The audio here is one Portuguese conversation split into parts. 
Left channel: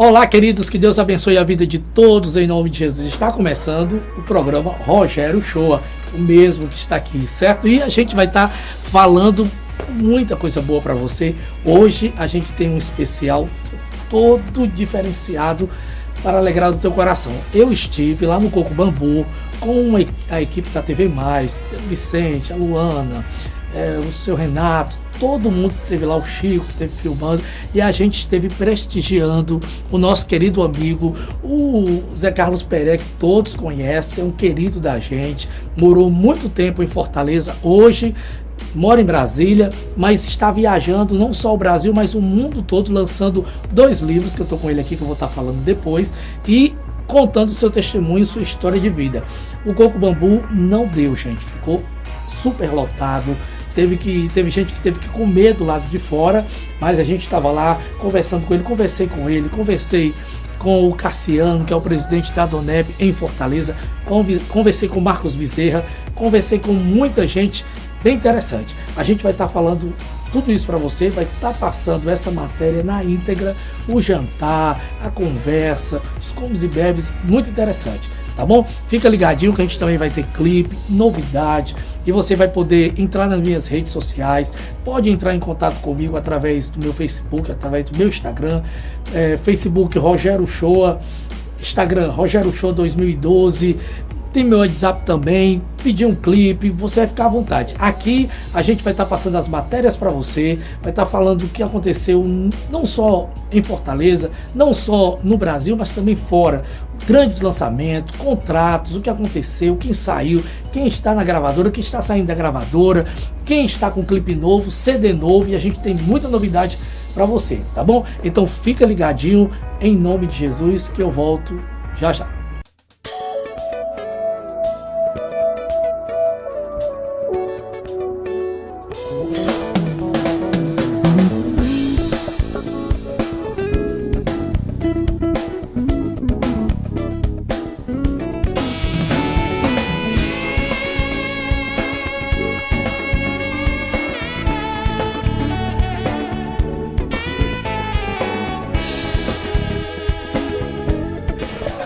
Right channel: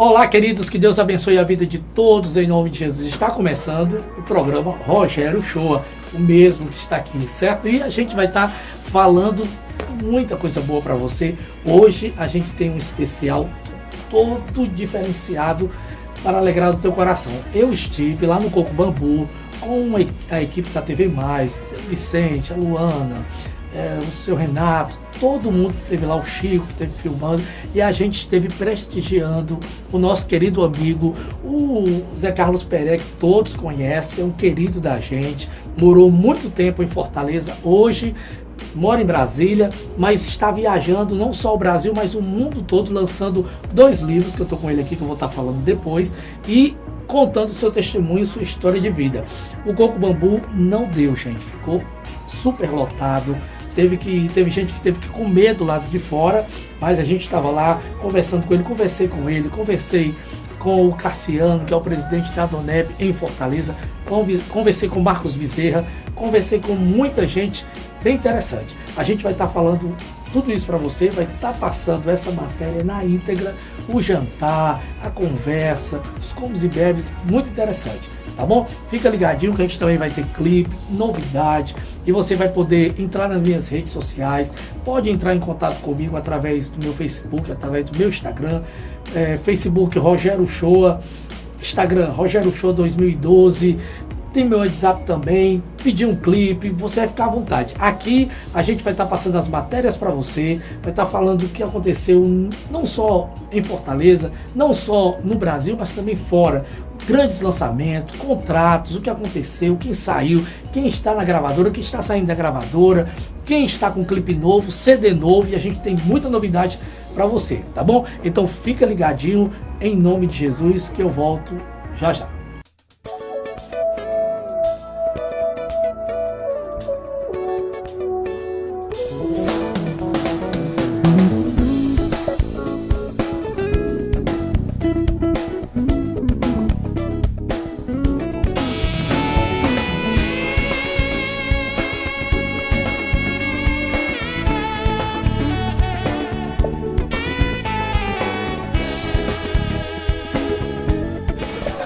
Olá, queridos, que Deus abençoe a vida de todos em nome de Jesus. Está começando o programa Rogério Shoa, o mesmo que está aqui, certo? E a gente vai estar falando muita coisa boa para você. Hoje a gente tem um especial todo diferenciado para alegrar o teu coração. Eu estive lá no Coco Bambu com a equipe da TV Mais, o Vicente, a Luana, o seu Renato, todo mundo esteve lá, o Chico esteve filmando e a gente esteve prestigiando o nosso querido amigo, o Zé Carlos Pereira, que todos conhecem, é um querido da gente, morou muito tempo em Fortaleza, hoje mora em Brasília, mas está viajando não só o Brasil, mas o mundo todo, lançando 2 livros, que eu estou com ele aqui, que eu vou estar falando depois, e contando seu testemunho, sua história de vida. O Coco Bambu não deu, gente, ficou super lotado. Teve gente que teve que comer do lado de fora, mas a gente estava lá conversando com ele, conversei com o Cassiano, que é o presidente da Adonep em Fortaleza, conversei com o Marcos Bezerra, conversei com muita gente bem interessante. A gente vai estar falando tudo isso para você, vai estar passando essa matéria na íntegra, o jantar, a conversa, os comes e bebes, muito interessante, tá bom? Fica ligadinho que a gente também vai ter clipe, novidade, e você vai poder entrar nas minhas redes sociais, pode entrar em contato comigo através do meu Facebook, através do meu Instagram, Facebook Rogério Shoa, Instagram Rogério Shoa 2012, tem meu WhatsApp também, pedir um clipe, você vai ficar à vontade. Aqui a gente vai estar passando as matérias para você, vai estar falando o que aconteceu não só em Fortaleza, não só no Brasil, mas também fora. Grandes lançamentos, contratos, o que aconteceu, quem saiu, quem está na gravadora, quem está saindo da gravadora, quem está com clipe novo, CD novo, e a gente tem muita novidade para você, tá bom? Então fica ligadinho, em nome de Jesus, que eu volto já já.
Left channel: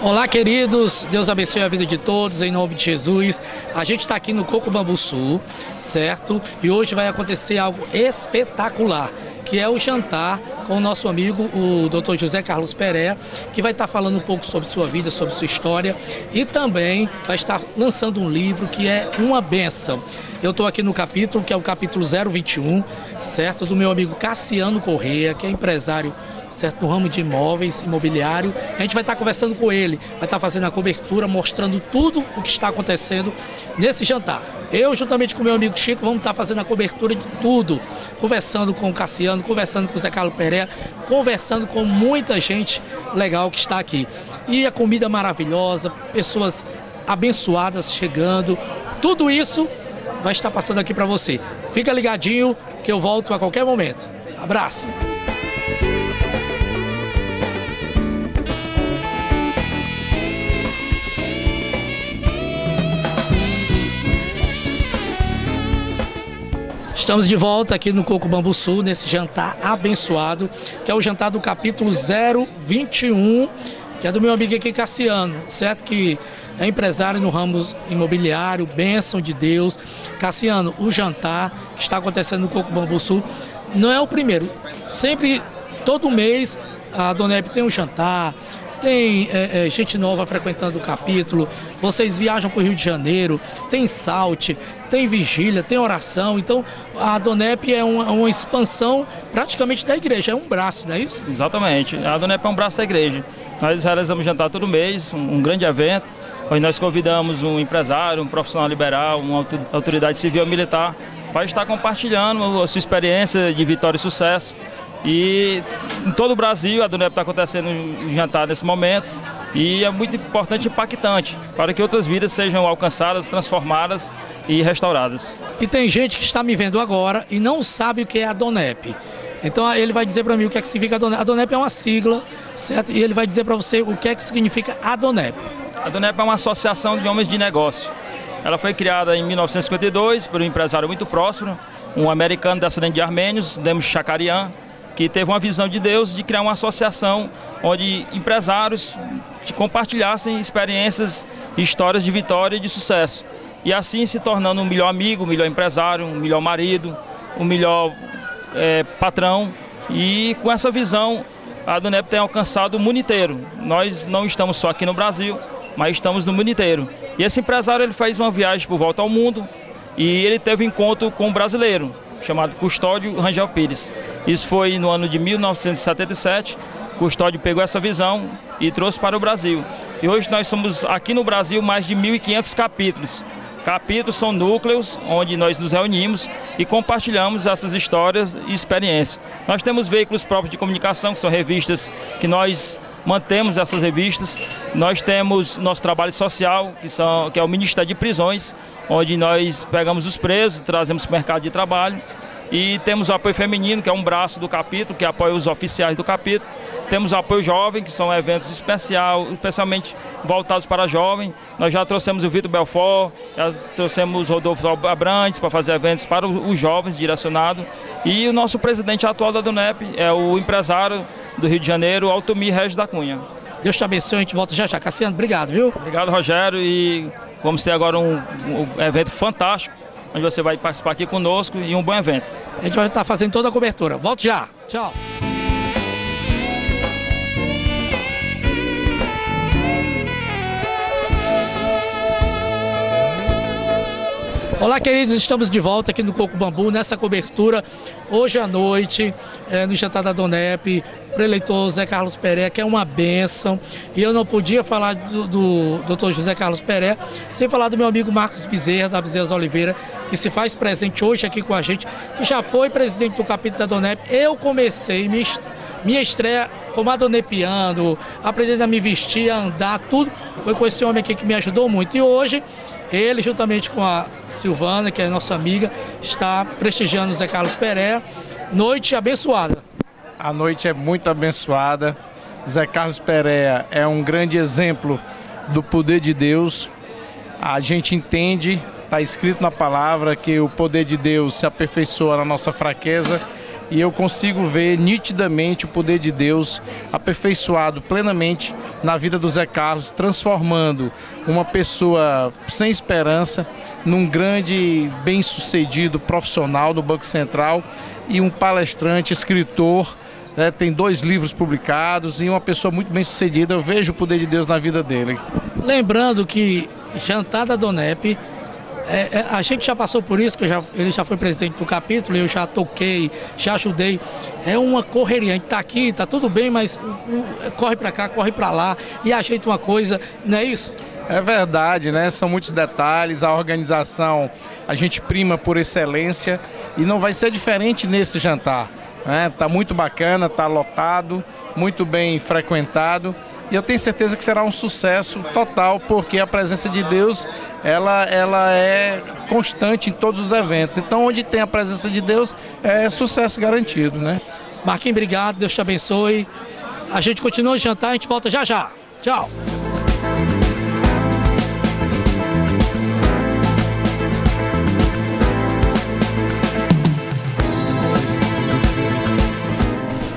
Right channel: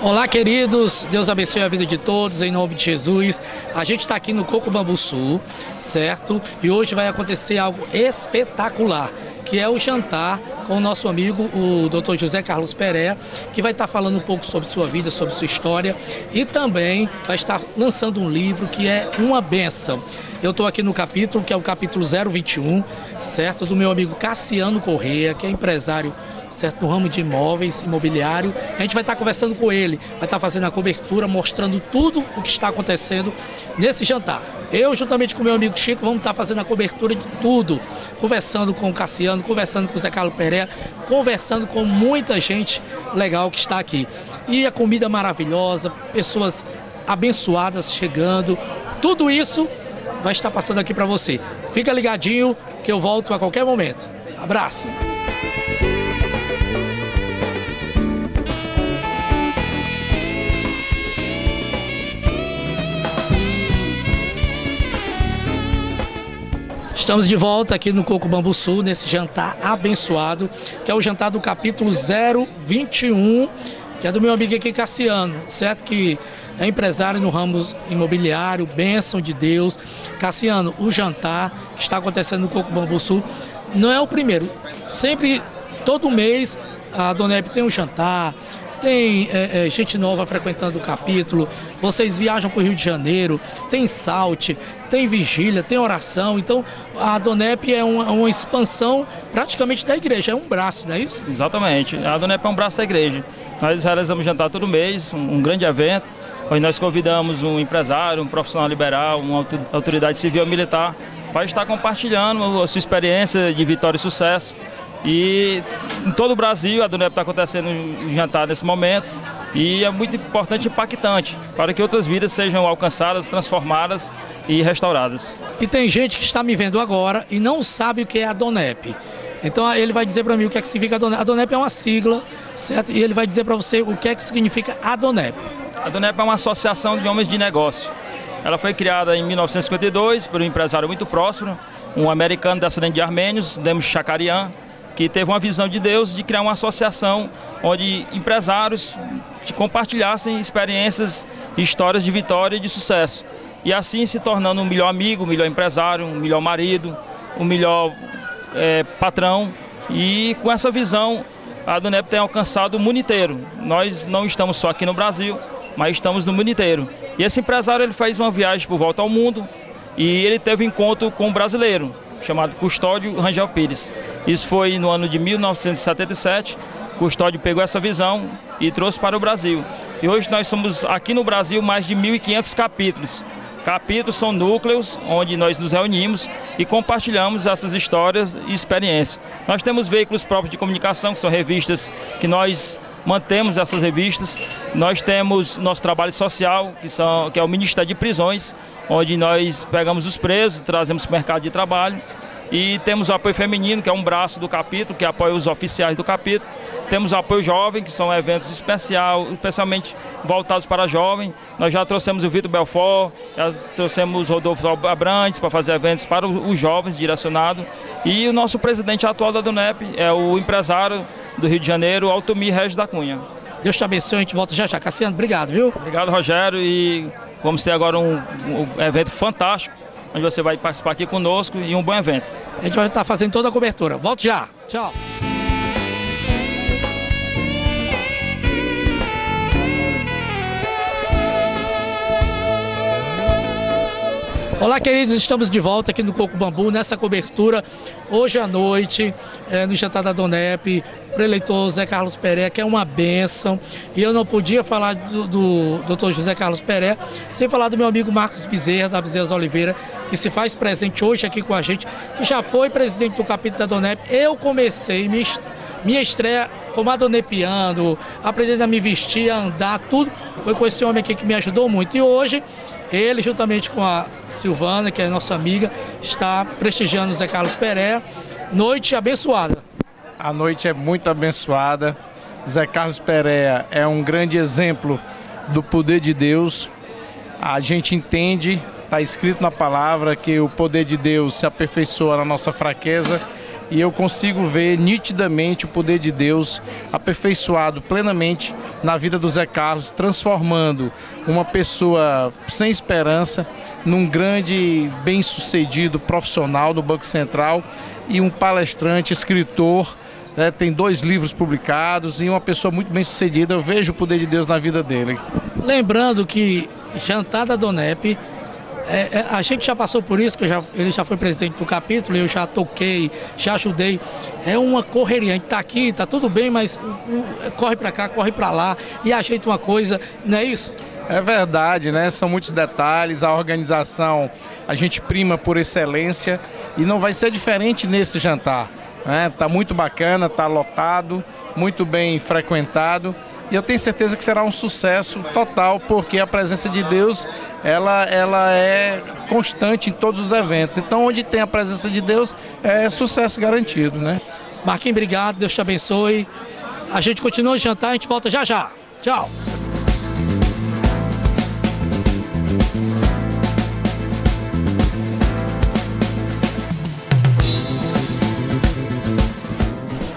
Olá, queridos, Deus abençoe a vida de todos, em nome de Jesus. A gente está aqui no Coco Bambu Sul, certo? E hoje vai acontecer algo espetacular, que é o jantar com o nosso amigo, o Dr. José Carlos Pereira, que vai estar falando um pouco sobre sua vida, sobre sua história, e também vai estar lançando um livro que é uma bênção. Eu estou aqui no capítulo, que é o capítulo 021, certo? Do meu amigo Cassiano Correia, que é empresário, certo, no ramo de imóveis, imobiliário. A gente vai estar conversando com ele, vai estar fazendo a cobertura, mostrando tudo o que está acontecendo nesse jantar. Eu, juntamente com o meu amigo Chico, vamos estar fazendo a cobertura de tudo, conversando com o Cassiano, conversando com o Zé Carlos Pereira, conversando com muita gente legal que está aqui. E a comida maravilhosa, pessoas abençoadas chegando, tudo isso vai estar passando aqui para você. Fica ligadinho que eu volto a qualquer momento. Abraço! Estamos de volta aqui no Coco Bambu Sul, nesse jantar abençoado, que é o jantar do capítulo 021, que é do meu amigo aqui, Cassiano, certo? Que é empresário no ramo imobiliário, bênção de Deus. Cassiano, o jantar que está acontecendo no Coco Bambu Sul não é o primeiro. Sempre, todo mês, a Adonep tem um jantar, tem gente nova frequentando o capítulo, vocês viajam para o Rio de Janeiro, tem salte, tem vigília, tem oração. Então a Adonep é uma expansão praticamente da igreja, é um braço, não é isso? Exatamente, a Adonep é um braço da igreja. Nós realizamos jantar todo mês, um grande evento, onde nós convidamos um empresário, um profissional liberal, uma autoridade civil ou militar, para estar compartilhando a sua experiência de vitória e sucesso. E em todo o Brasil a Adonep está acontecendo um jantar nesse momento e é muito importante e impactante para que outras vidas sejam alcançadas, transformadas e restauradas. E tem gente que está me vendo agora e não sabe o que é a Adonep. Então ele vai dizer para mim o que é que significa Adonep. Adonep é uma sigla, certo? E ele vai dizer para você o que é que significa Adonep. A Adonep é uma associação de homens de negócio. Ela foi criada em 1952 por um empresário muito próspero, um americano descendente de armênios, Demos Shakarian. que teve uma visão de Deus de criar uma associação onde empresários compartilhassem experiências, histórias de vitória e de sucesso. E assim se tornando um melhor amigo, um melhor empresário, um melhor marido, um melhor patrão. E com essa visão, a Donep tem alcançado o mundo inteiro. Nós não estamos só aqui no Brasil, mas estamos no mundo inteiro. E esse empresário ele fez uma viagem por volta ao mundo e ele teve um encontro com um brasileiro, chamado Custódio Rangel Pires. Isso foi no ano de 1977. Custódio pegou essa visão e trouxe para o Brasil. E hoje nós somos aqui no Brasil mais de 1.500 capítulos. Capítulos são núcleos onde nós nos reunimos e compartilhamos essas histórias e experiências. Nós temos veículos próprios de comunicação, que são revistas que nós mantemos essas revistas. Nós temos nosso trabalho social, que é o Ministério de Prisões, onde nós pegamos os presos e trazemos para o mercado de trabalho. E temos o apoio feminino, que é um braço do capítulo, que apoia os oficiais do capítulo. Temos o apoio jovem, que são eventos especialmente voltados para jovem. Nós já trouxemos o Vitor Belfort, já trouxemos o Rodolfo Abrantes para fazer eventos para os jovens direcionados. E o nosso presidente atual da Donep é o empresário do Rio de Janeiro, Altomir Regis da Cunha. Deus te abençoe, a gente volta já já. Cassiano, obrigado, viu? Obrigado, Rogério, e vamos ter agora um evento fantástico, onde você vai participar aqui conosco e um bom evento. A gente vai estar fazendo toda a cobertura. Volto já. Tchau. Olá, queridos, estamos de volta aqui no Coco Bambu, nessa cobertura, hoje à noite, no jantar da Donep, para o eleitor José Carlos Pereira, que é uma bênção. E eu não podia falar do Dr. José Carlos Pereira sem falar do meu amigo Marcos Bezerra, da Bezerra Oliveira, que se faz presente hoje aqui com a gente, que já foi presidente do capítulo da Donep. Eu comecei minha estreia como adonepiano, aprendendo a me vestir, a andar, tudo, foi com esse homem aqui que me ajudou muito. E hoje, ele, juntamente com a Silvana, que é nossa amiga, está prestigiando o Zé Carlos Pereira. Noite abençoada. A noite é muito abençoada. Zé Carlos Pereira é um grande exemplo do poder de Deus. A gente entende, está escrito na palavra, que o poder de Deus se aperfeiçoa na nossa fraqueza. E eu consigo ver nitidamente o poder de Deus aperfeiçoado plenamente na vida do Zé Carlos, transformando uma pessoa sem esperança num grande bem-sucedido profissional do Banco Central e um palestrante, escritor, né, tem 2 livros publicados e uma pessoa muito bem-sucedida. Eu vejo o poder de Deus na vida dele. Lembrando que jantar da Donep, a gente já passou por isso, que ele já foi presidente do capítulo, eu já toquei, já ajudei. É uma correria, a gente está aqui, está tudo bem, mas corre para cá, corre para lá e ajeita uma coisa, não é isso? É verdade, né? São muitos detalhes, a organização, a gente prima por excelência e não vai ser diferente nesse jantar, né? Tá muito bacana, tá lotado, muito bem frequentado. E eu tenho certeza que será um sucesso total, porque a presença de Deus, ela é constante em todos os eventos. Então, onde tem a presença de Deus, é sucesso garantido, né? Marquinhos, obrigado, Deus te abençoe. A gente continua o jantar, a gente volta já já. Tchau.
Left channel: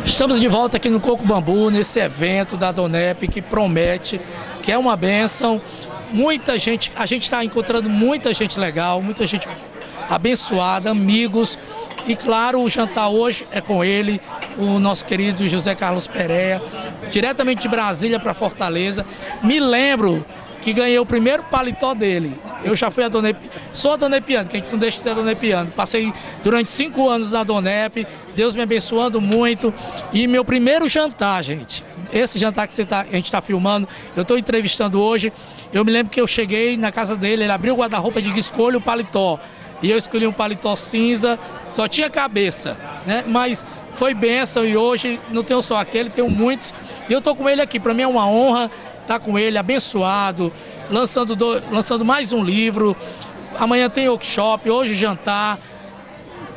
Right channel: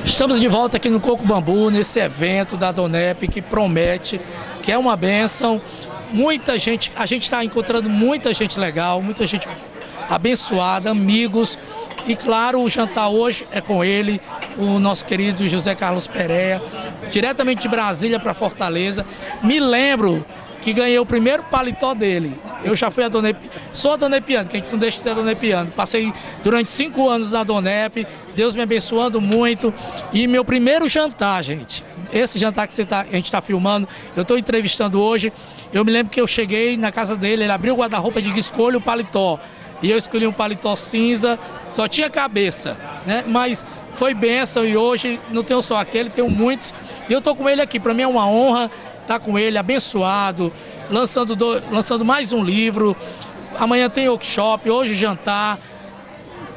Estamos de volta aqui no Coco Bambu, nesse evento da Donep que promete, que é uma bênção. Muita gente, a gente está encontrando muita gente legal, muita gente abençoada, amigos. E claro, o jantar hoje é com ele, o nosso querido José Carlos Pereira, diretamente de Brasília para Fortaleza. Me lembro que ganhei o primeiro paletó dele. Eu já fui sou adonepiano, que a gente não deixa de ser adonepiano. Passei durante 5 anos na Donep, Deus me abençoando muito. E meu primeiro jantar, gente, esse jantar que a gente está filmando, eu estou entrevistando hoje, eu me lembro que eu cheguei na casa dele, ele abriu o guarda-roupa e disse: escolha o paletó. E eu escolhi um paletó cinza, só tinha cabeça, né? Mas foi bênção e hoje não tenho só aquele, tenho muitos. E eu estou com ele aqui, para mim é uma honra estar com ele, abençoado, lançando mais um livro. Amanhã tem workshop, hoje jantar,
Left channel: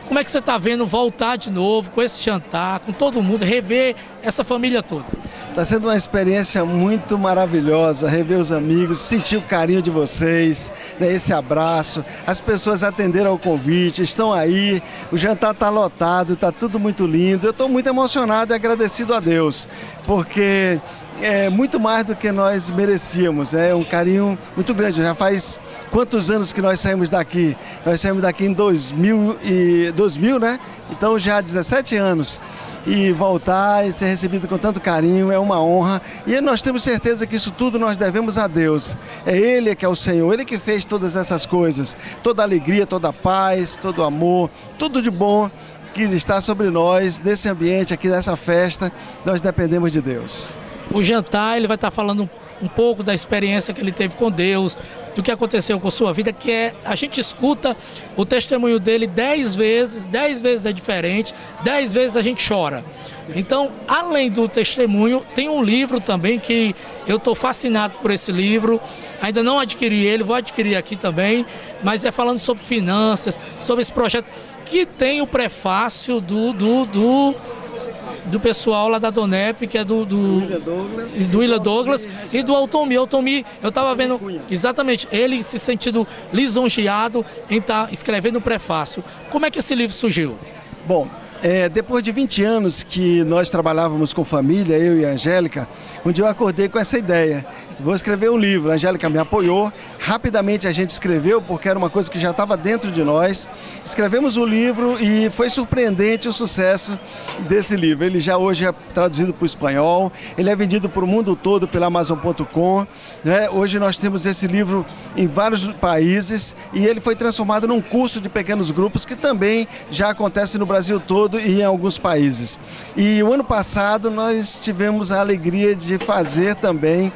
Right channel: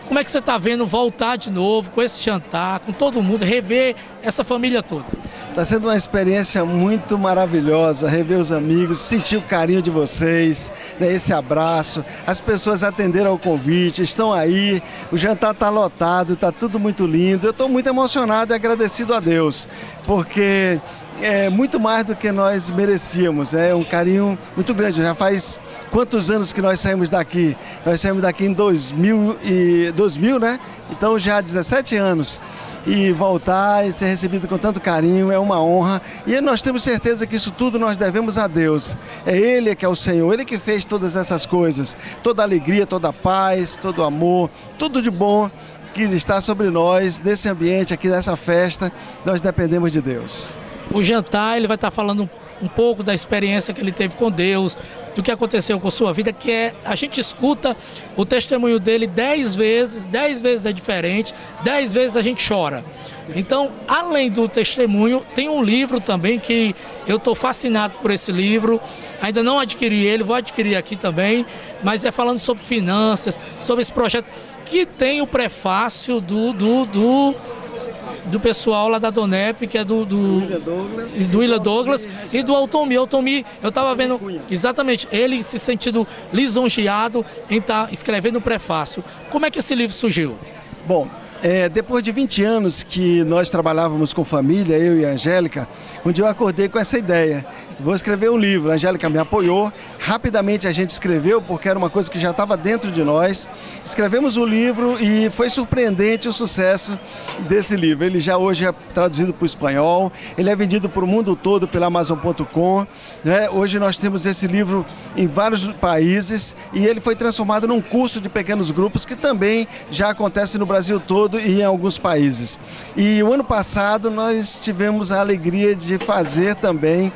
Como é que você está vendo voltar de novo com esse jantar, com todo mundo, rever essa família toda? Está sendo uma experiência muito maravilhosa, rever os amigos, sentir o carinho de vocês, né, esse abraço. As pessoas atenderam ao convite, estão aí, o jantar está lotado, está tudo muito lindo. Eu estou muito emocionado e agradecido a Deus, porque é muito mais do que nós merecíamos, é um carinho muito grande. Já faz quantos anos que nós saímos daqui? Nós saímos daqui em 2000, né? Então já há 17 anos. E voltar e ser recebido com tanto carinho é uma honra. E nós temos certeza que isso tudo nós devemos a Deus. É Ele que é o Senhor, Ele que fez todas essas coisas. Toda a alegria, toda a paz, todo o amor, tudo de bom que está sobre nós, nesse ambiente aqui, nessa festa, nós dependemos de Deus. O jantar, ele vai estar falando um pouco da experiência que ele teve com Deus, do que aconteceu com sua vida, que é, a gente escuta o testemunho dele 10 vezes é diferente, 10 vezes a gente chora. Então, além do testemunho, tem um livro também que eu estou fascinado por esse livro, ainda não adquiri ele, vou adquirir aqui também, mas é falando sobre finanças, sobre esse projeto, que tem o prefácio do pessoal lá da Donep, que é do William Douglas e do Altomi. Altomi, eu estava vendo exatamente ele se sentindo lisonjeado em estar escrevendo o prefácio. Como é que esse livro surgiu? Bom, depois de 20 anos que nós trabalhávamos com família, eu e a Angélica, um dia eu acordei com essa ideia. Vou escrever um livro. A Angélica me apoiou. Rapidamente a gente escreveu, porque era uma coisa que já estava dentro de nós. Escrevemos o livro e foi surpreendente o sucesso desse livro. Ele já hoje é traduzido para o espanhol. Ele é vendido para o mundo todo pela Amazon.com. Né? Hoje nós temos esse livro em vários países e ele foi transformado num curso de pequenos grupos que também já acontece no Brasil todo e em alguns países. E o ano passado nós tivemos a alegria de fazer também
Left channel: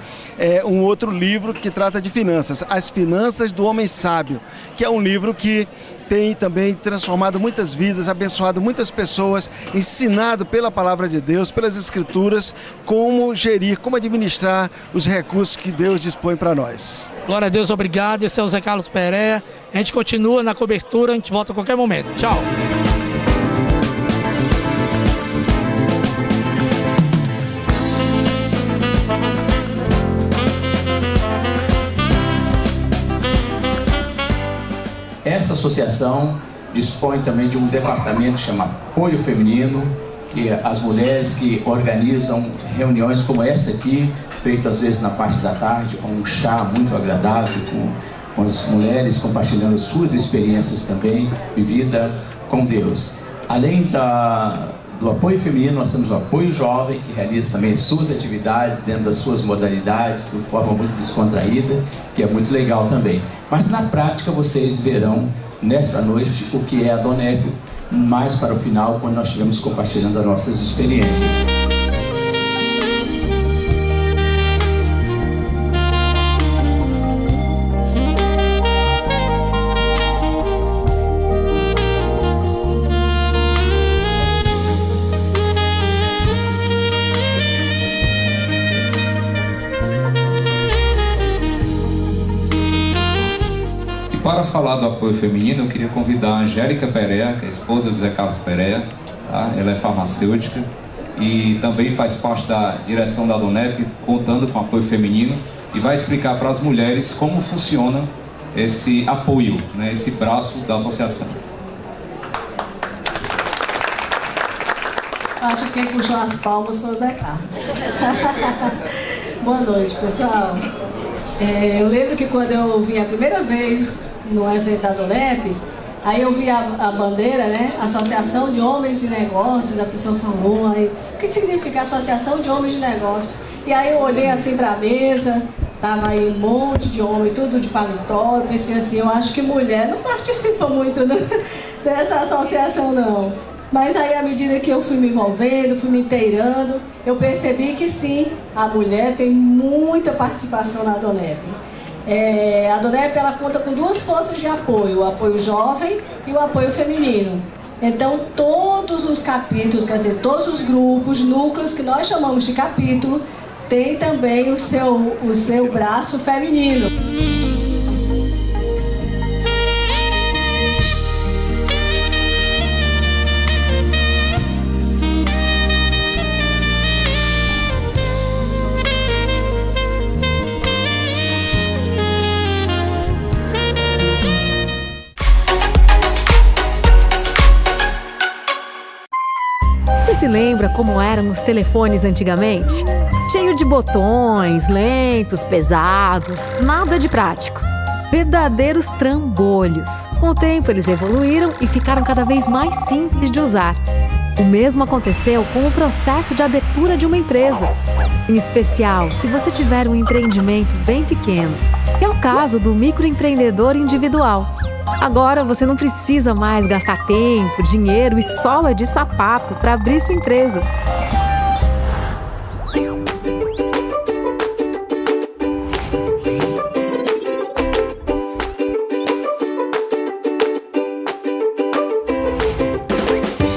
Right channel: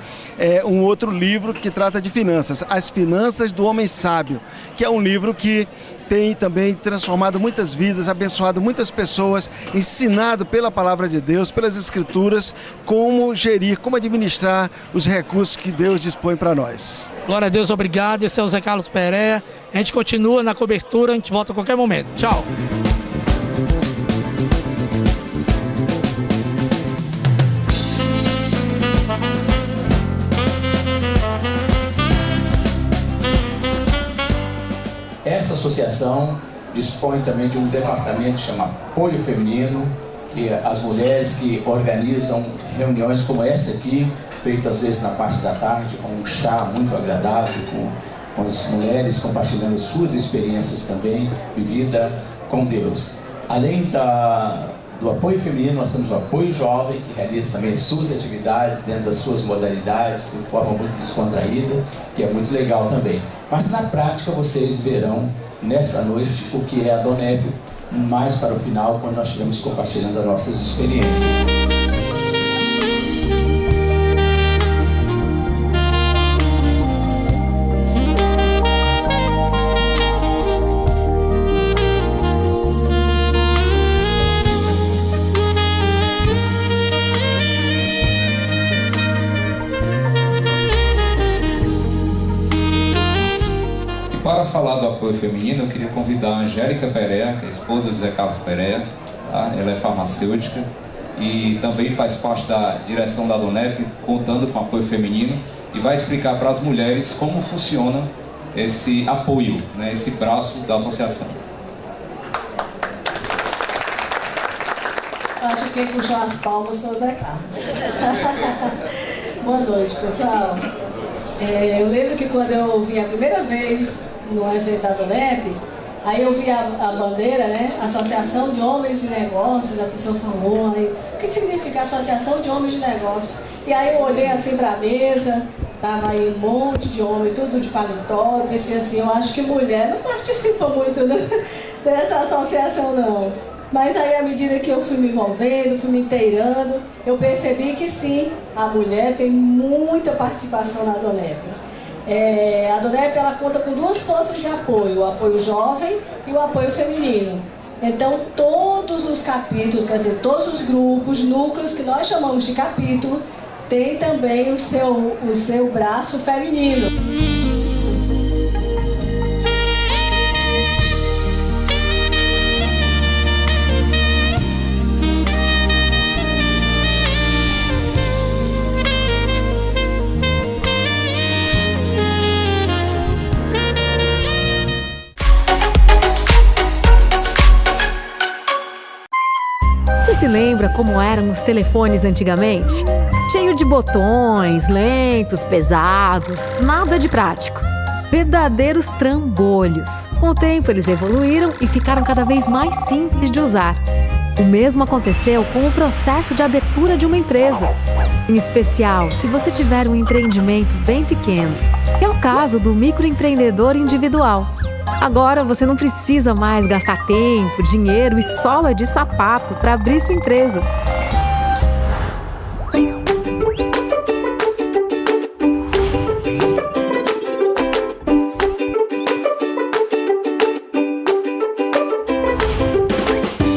um outro livro que trata de finanças, As Finanças do Homem Sábio, que é um livro que tem também transformado muitas vidas, abençoado muitas pessoas, ensinado pela Palavra de Deus, pelas Escrituras, como gerir, como administrar os recursos que Deus dispõe para nós. Glória a Deus, obrigado. Esse é o Zé Carlos Pereira. A gente continua na cobertura, a gente volta a qualquer momento. Tchau. Essa associação dispõe também de um departamento que chama Apoio Feminino, que as mulheres que organizam reuniões como essa aqui, feito às vezes na parte da tarde, com um chá muito agradável, com as mulheres compartilhando suas experiências também, vivida com Deus. Além do apoio feminino, nós temos o apoio jovem, que realiza também suas atividades dentro das suas modalidades, de forma muito descontraída, que é muito legal também. Mas na prática vocês verão nesta noite o que é a Donep, mais para o final, quando nós estivermos compartilhando as nossas experiências. Para falar do apoio feminino, eu queria convidar a Angélica Pereira, que é a esposa do Zé Carlos Pereira, tá? Ela é farmacêutica e também faz parte da direção da Donep, contando com apoio feminino, e vai explicar para as mulheres como funciona esse apoio, né, esse braço da associação. Acho que quem puxou as palmas foi o Zé Carlos. Boa noite, pessoal. Eu lembro que quando eu vim a primeira vez no evento da Donep, aí eu vi a bandeira, né? Associação de Homens de Negócios, a pessoa falou, aí, o que significa Associação de Homens de Negócios? E aí eu olhei assim para a mesa, tava aí um monte de homem, tudo de paletó, eu pensei assim, eu acho que mulher não participa muito, né, dessa associação não. Mas aí, à medida que eu fui me envolvendo, fui me inteirando, eu percebi que sim, a mulher tem muita participação na Donep. A Donep, ela conta com duas forças de apoio, o apoio jovem e o apoio feminino. Então, todos os capítulos, quer dizer, todos os grupos, núcleos que nós chamamos de capítulo, tem também o seu braço feminino. se lembra como eram os telefones antigamente? Cheio de botões, lentos, pesados, nada de prático. Verdadeiros trambolhos. Com o tempo eles evoluíram e ficaram cada vez mais simples de usar. O mesmo aconteceu com o processo de abertura de uma empresa. Em especial, se você tiver um empreendimento bem pequeno, que é o caso do microempreendedor individual. Agora você não precisa mais gastar tempo, dinheiro e sola de sapato para abrir sua empresa.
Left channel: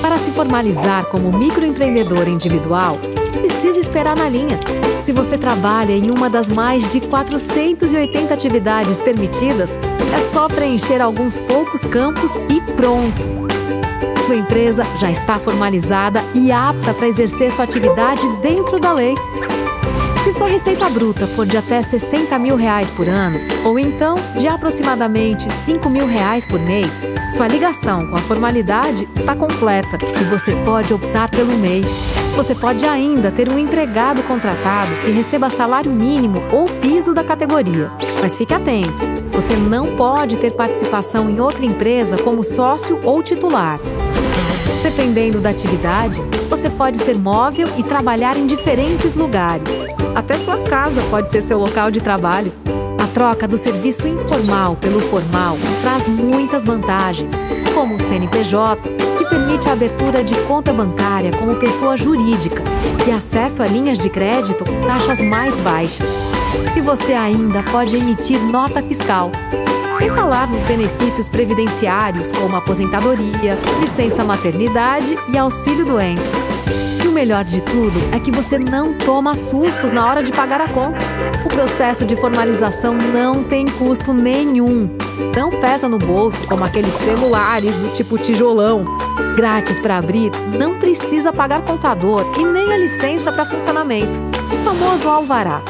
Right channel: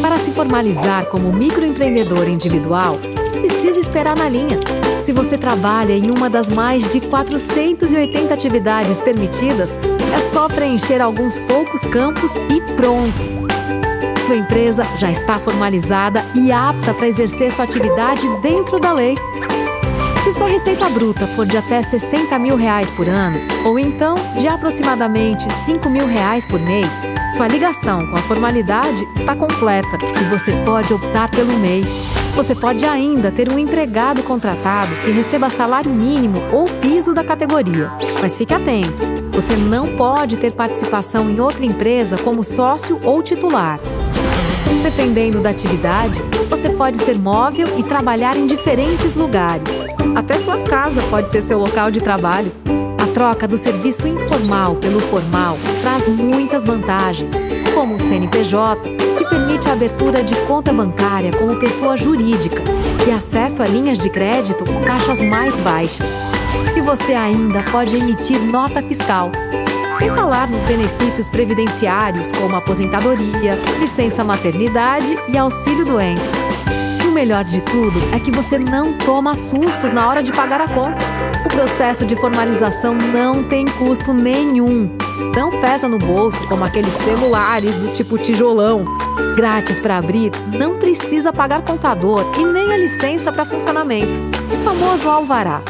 Para se formalizar como microempreendedor individual, precisa esperar na linha. Se você trabalha em uma das mais de 480 atividades permitidas, é só preencher alguns poucos campos e pronto! Sua empresa já está formalizada e apta para exercer sua atividade dentro da lei. Se sua receita bruta for de até R$60 mil por ano, ou então de aproximadamente R$5 mil por mês, sua ligação com a formalidade está completa e você pode optar pelo MEI. Você pode ainda ter um empregado contratado que receba salário mínimo ou piso da categoria. Mas fique atento, você não pode ter participação em outra empresa como sócio ou titular. Dependendo da atividade, você pode ser móvel e trabalhar em diferentes lugares. Até sua casa pode ser seu local de trabalho. A troca do serviço informal pelo formal traz muitas vantagens, como o CNPJ, que permite a abertura de conta bancária como pessoa jurídica e acesso a linhas de crédito com taxas mais baixas. E você ainda pode emitir nota fiscal. Sem falar nos benefícios previdenciários como aposentadoria, licença maternidade e auxílio-doença. E o melhor de tudo é que você não toma sustos na hora de pagar a conta. O processo de formalização não tem custo nenhum. Não pesa no bolso como aqueles celulares do tipo tijolão. Grátis para abrir, não precisa pagar contador e nem a licença para funcionamento. O famoso alvará.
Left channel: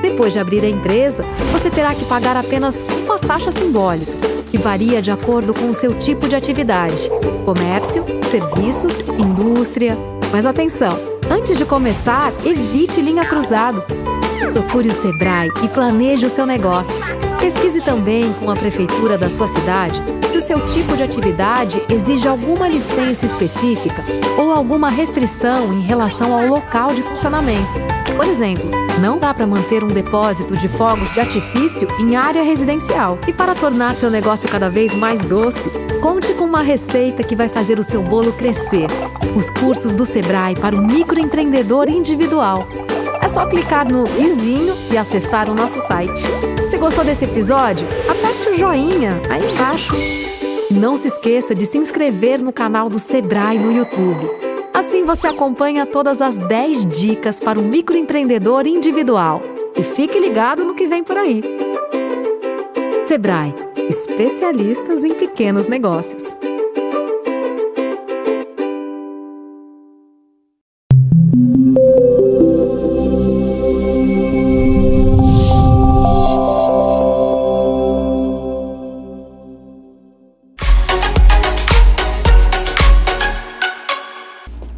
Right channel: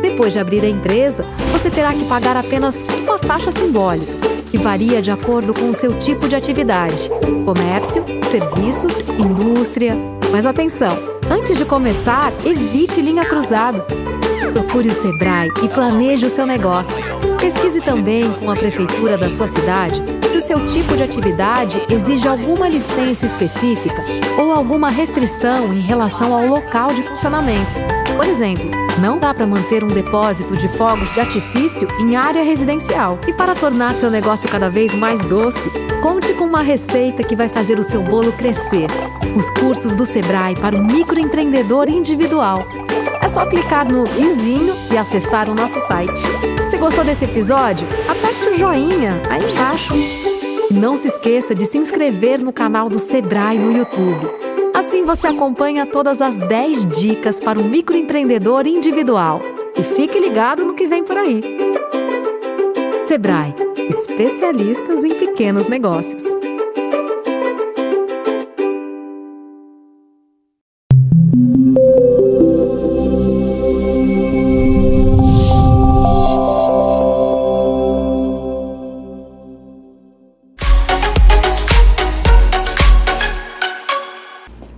Depois de abrir a empresa, você terá que pagar apenas uma taxa simbólica, que varia de acordo com o seu tipo de atividade: comércio, serviços, indústria. Mas atenção, antes de começar, evite linha cruzada. Procure o Sebrae e planeje o seu negócio. Pesquise também com a prefeitura da sua cidade se o seu tipo de atividade exige alguma licença específica ou alguma restrição em relação ao local de funcionamento. Por exemplo, não dá para manter um depósito de fogos de artifício em área residencial. E para tornar seu negócio cada vez mais doce, conte com uma receita que vai fazer o seu bolo crescer. Os cursos do Sebrae para o microempreendedor individual. É só clicar no izinho e acessar o nosso site. Se gostou desse episódio, aperte o joinha aí embaixo. E não se esqueça de se inscrever no canal do Sebrae no YouTube. Assim você acompanha todas as 10 dicas para o microempreendedor individual. E fique ligado no que vem por aí. Sebrae, especialistas em pequenos negócios.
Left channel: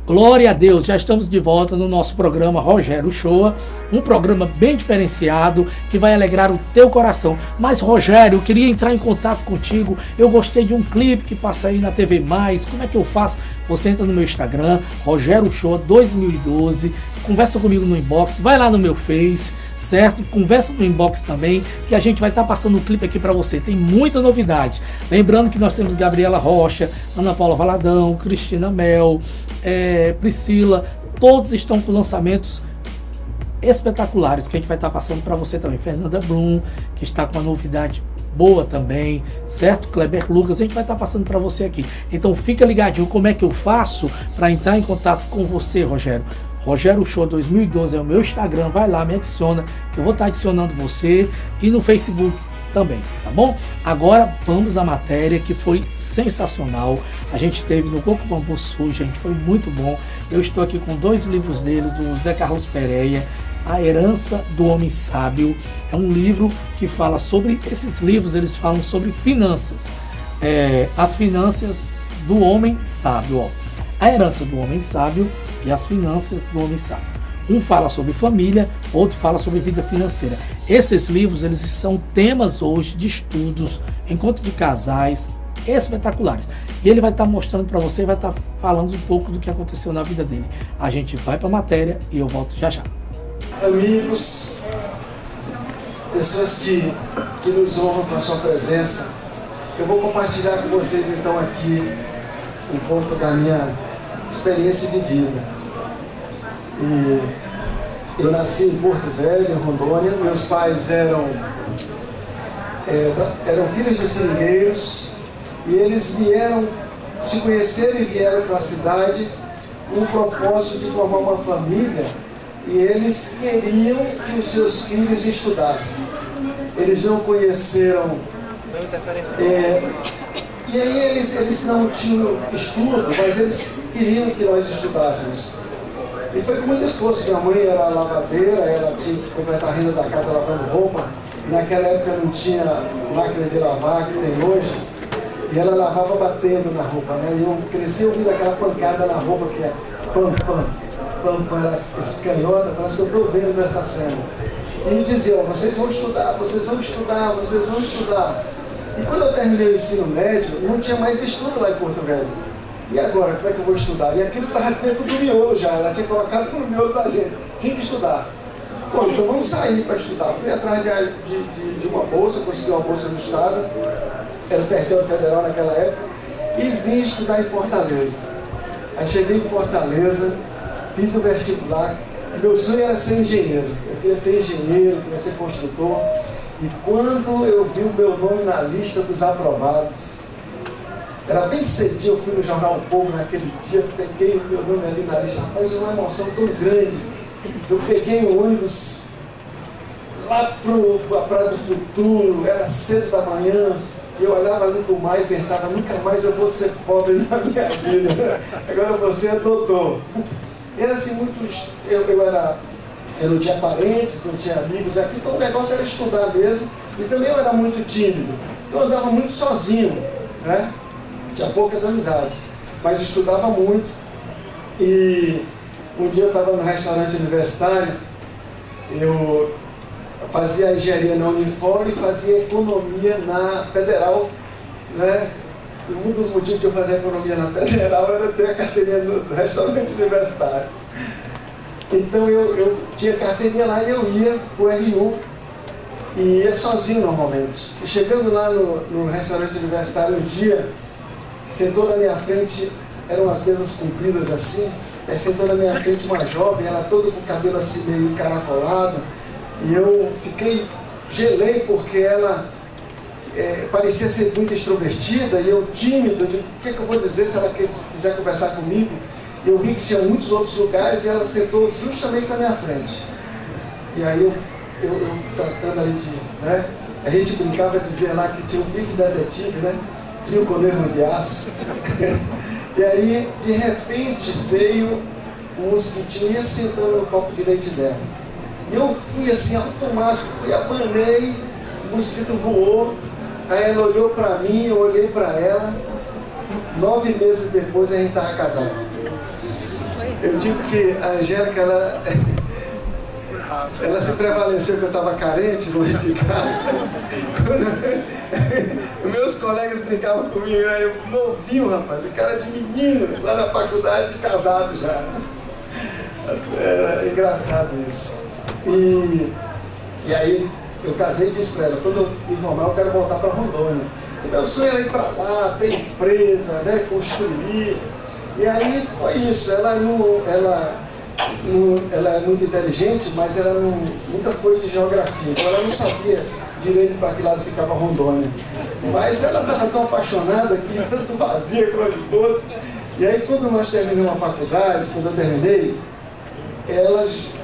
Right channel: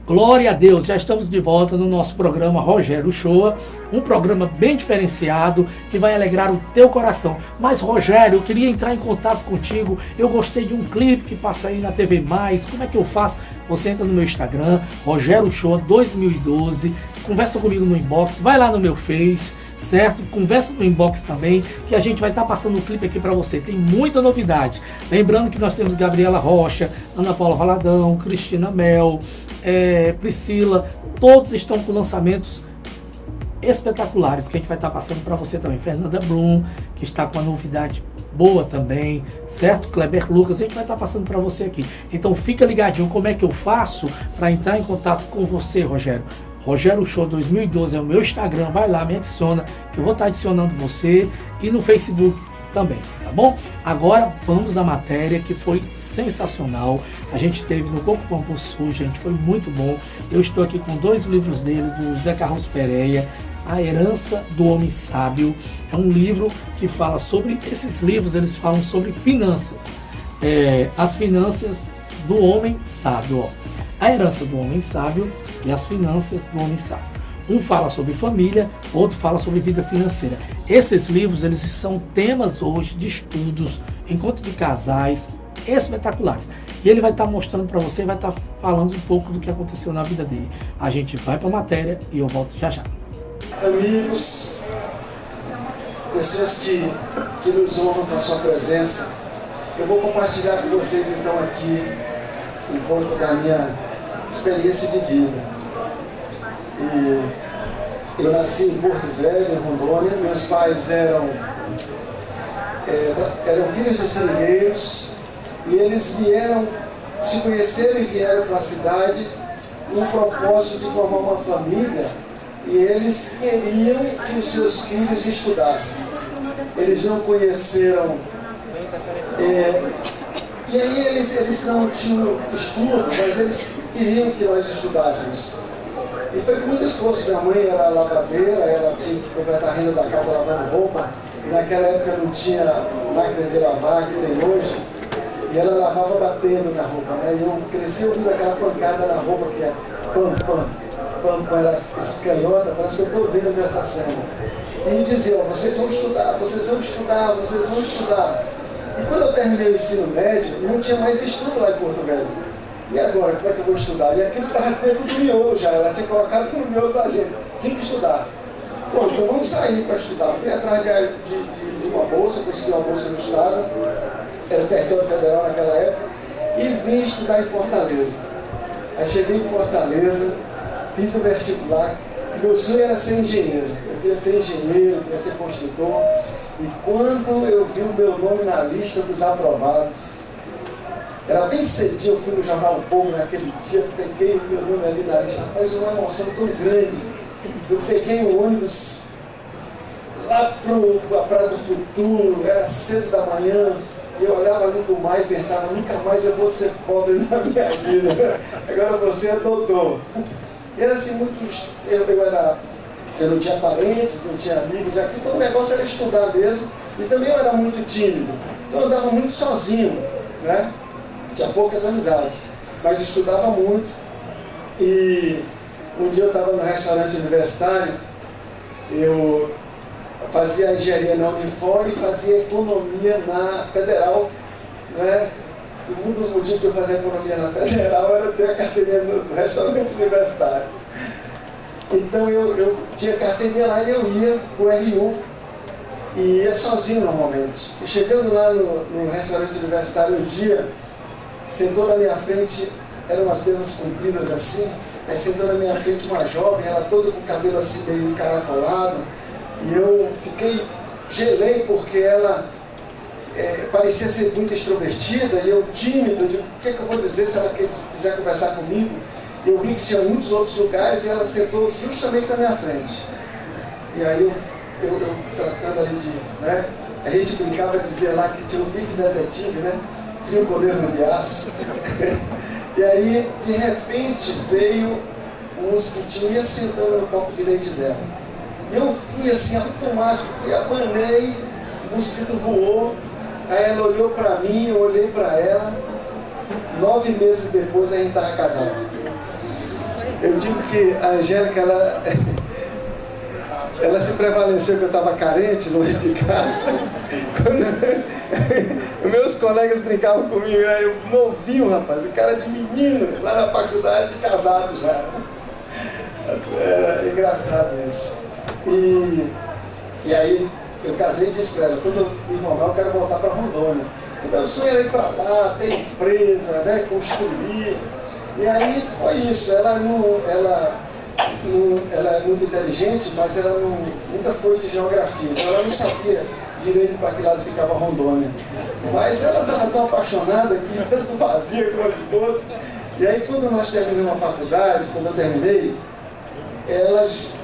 Glória a Deus, já estamos de volta no nosso programa Rogério Shoa, um programa bem diferenciado que vai alegrar o teu coração. Mas Rogério, eu queria entrar em contato contigo, eu gostei de um clipe que passa aí na TV+, como é que eu faço? Você entra no meu Instagram, Rogério Shoa 2012, conversa comigo no inbox, vai lá no meu Face, certo? Conversa no inbox também, que a gente vai estar passando um clipe aqui para você, tem muita novidade. Lembrando que nós temos Gabriela Rocha, Ana Paula Valadão, Cristina Mel, Priscila, todos estão com lançamentos espetaculares que a gente vai estar passando para você também. Fernanda Brum, que está com uma novidade boa também, certo? Kleber Lucas, a gente vai estar passando para você aqui. Então fica ligadinho como é que eu faço para entrar em contato com você, Rogério. Rogério Shoa 2012 é o meu Instagram, vai lá, me adiciona, que eu vou estar adicionando você, e no Facebook também, tá bom? Agora vamos à matéria que foi sensacional. A gente teve no Coco Bambu Sul, gente, foi muito bom. Eu estou aqui com 2 livros dele, do Zé Carlos Pereira, A Herança do Homem Sábio. É um livro que fala sobre, esses livros eles falam sobre finanças, as finanças do homem sábio, ó. A Herança do Homem Sábio e As Finanças do Homem Sábio. Um fala sobre família, outro fala sobre vida financeira. Esses livros, eles são temas hoje de estudos, encontro de casais, espetaculares. E ele vai estar mostrando para você, vai estar falando um pouco do que aconteceu na vida dele. A gente vai para a matéria e eu volto já já. Amigos, pessoas que nos honram com a sua presença, eu vou compartilhar com vocês então aqui um pouco da minha experiência de vida. E eu nasci em Porto Velho, em Rondônia. Meus pais eram filhos de seringueiros e eles se conheceram e vieram para a cidade com o propósito de formar uma família, e eles queriam que os seus filhos estudassem. Eles não conheceram... E aí eles não tinham estudo, mas eles queriam que nós estudássemos. E foi com muito esforço. Minha mãe era lavadeira, ela tinha que completar a renda da casa lavando roupa. E naquela época não tinha máquina de lavar que tem hoje. E ela lavava batendo na roupa, né? E eu cresci ouvindo aquela pancada na roupa que é pam, pam, pam, pam, escanhota, parece que eu estou vendo dessa cena. E dizia, vocês vão estudar, vocês vão estudar, vocês vão estudar. E quando eu terminei o ensino médio, não tinha mais estudo lá em Porto Velho. E agora, como é que eu vou estudar? E aquilo estava dentro do miolo já, ela tinha colocado no miolo da gente, tinha que estudar. Bom, então vamos sair para estudar. Fui atrás de uma bolsa, consegui uma bolsa no estado, era o território federal naquela época, e vim estudar em Fortaleza. Aí cheguei em Fortaleza, fiz o vestibular, e meu sonho era ser engenheiro. Eu queria ser engenheiro, queria ser construtor. E quando eu vi o meu nome na lista dos aprovados, era bem cedinho, eu fui no Jornal O Povo naquele dia, peguei o meu nome ali na lista, rapaz, uma emoção tão grande. Eu peguei o ônibus lá para a Praia do Futuro, era cedo da manhã, e eu olhava ali para o mar e pensava, nunca mais eu vou ser pobre na minha vida, agora eu vou ser doutor. E era assim, muito, eu não tinha parentes, não tinha amigos aqui, então o negócio era estudar mesmo, e também eu era muito tímido, então eu andava muito sozinho, né? Tinha poucas amizades, mas estudava muito. E um dia eu estava no restaurante universitário, eu fazia engenharia na Unifor e fazia economia na Federal, né? E um dos motivos de eu fazer economia na Federal era ter a carteirinha do restaurante universitário. Então eu tinha carteirinha lá e eu ia para o RU e ia sozinho normalmente. E chegando lá no restaurante universitário um dia, sentou na minha frente, eram as mesas compridas assim, aí sentou na minha frente uma jovem, ela toda com o cabelo assim meio encaracolado, e eu gelei porque ela parecia ser muito extrovertida, e eu tímido, eu digo, o que eu vou dizer se ela quiser conversar comigo? E eu vi que tinha muitos outros lugares e ela sentou justamente na minha frente. E aí eu tratando ali de, né, a gente brincava de dizer lá que tinha um bife detetive, né? Frio com nervo de aço. E aí, de repente, veio um mosquitinho e ia sentando no copo de leite dela. E eu fui assim, automático, abanei, o mosquito voou, aí ela olhou para mim, eu olhei para ela. 9 meses depois a gente estava casado. Eu digo que a Angélica, ela se prevaleceu que eu estava carente longe de casa. Meus colegas brincavam comigo, eu novinho, rapaz, o cara de menino, lá na faculdade, casado já. Era engraçado isso. E aí eu casei e disse para ela, quando eu me formar eu quero voltar para Rondônia. O meu sonho era ir para lá, ter empresa, né, construir. E aí foi isso, ela é muito inteligente, mas ela nunca foi de geografia, então ela não sabia direito para que lado ficava Rondônia. Mas ela estava tão apaixonada que tanto vazia quanto de doce. E aí quando nós terminamos a faculdade, quando eu terminei,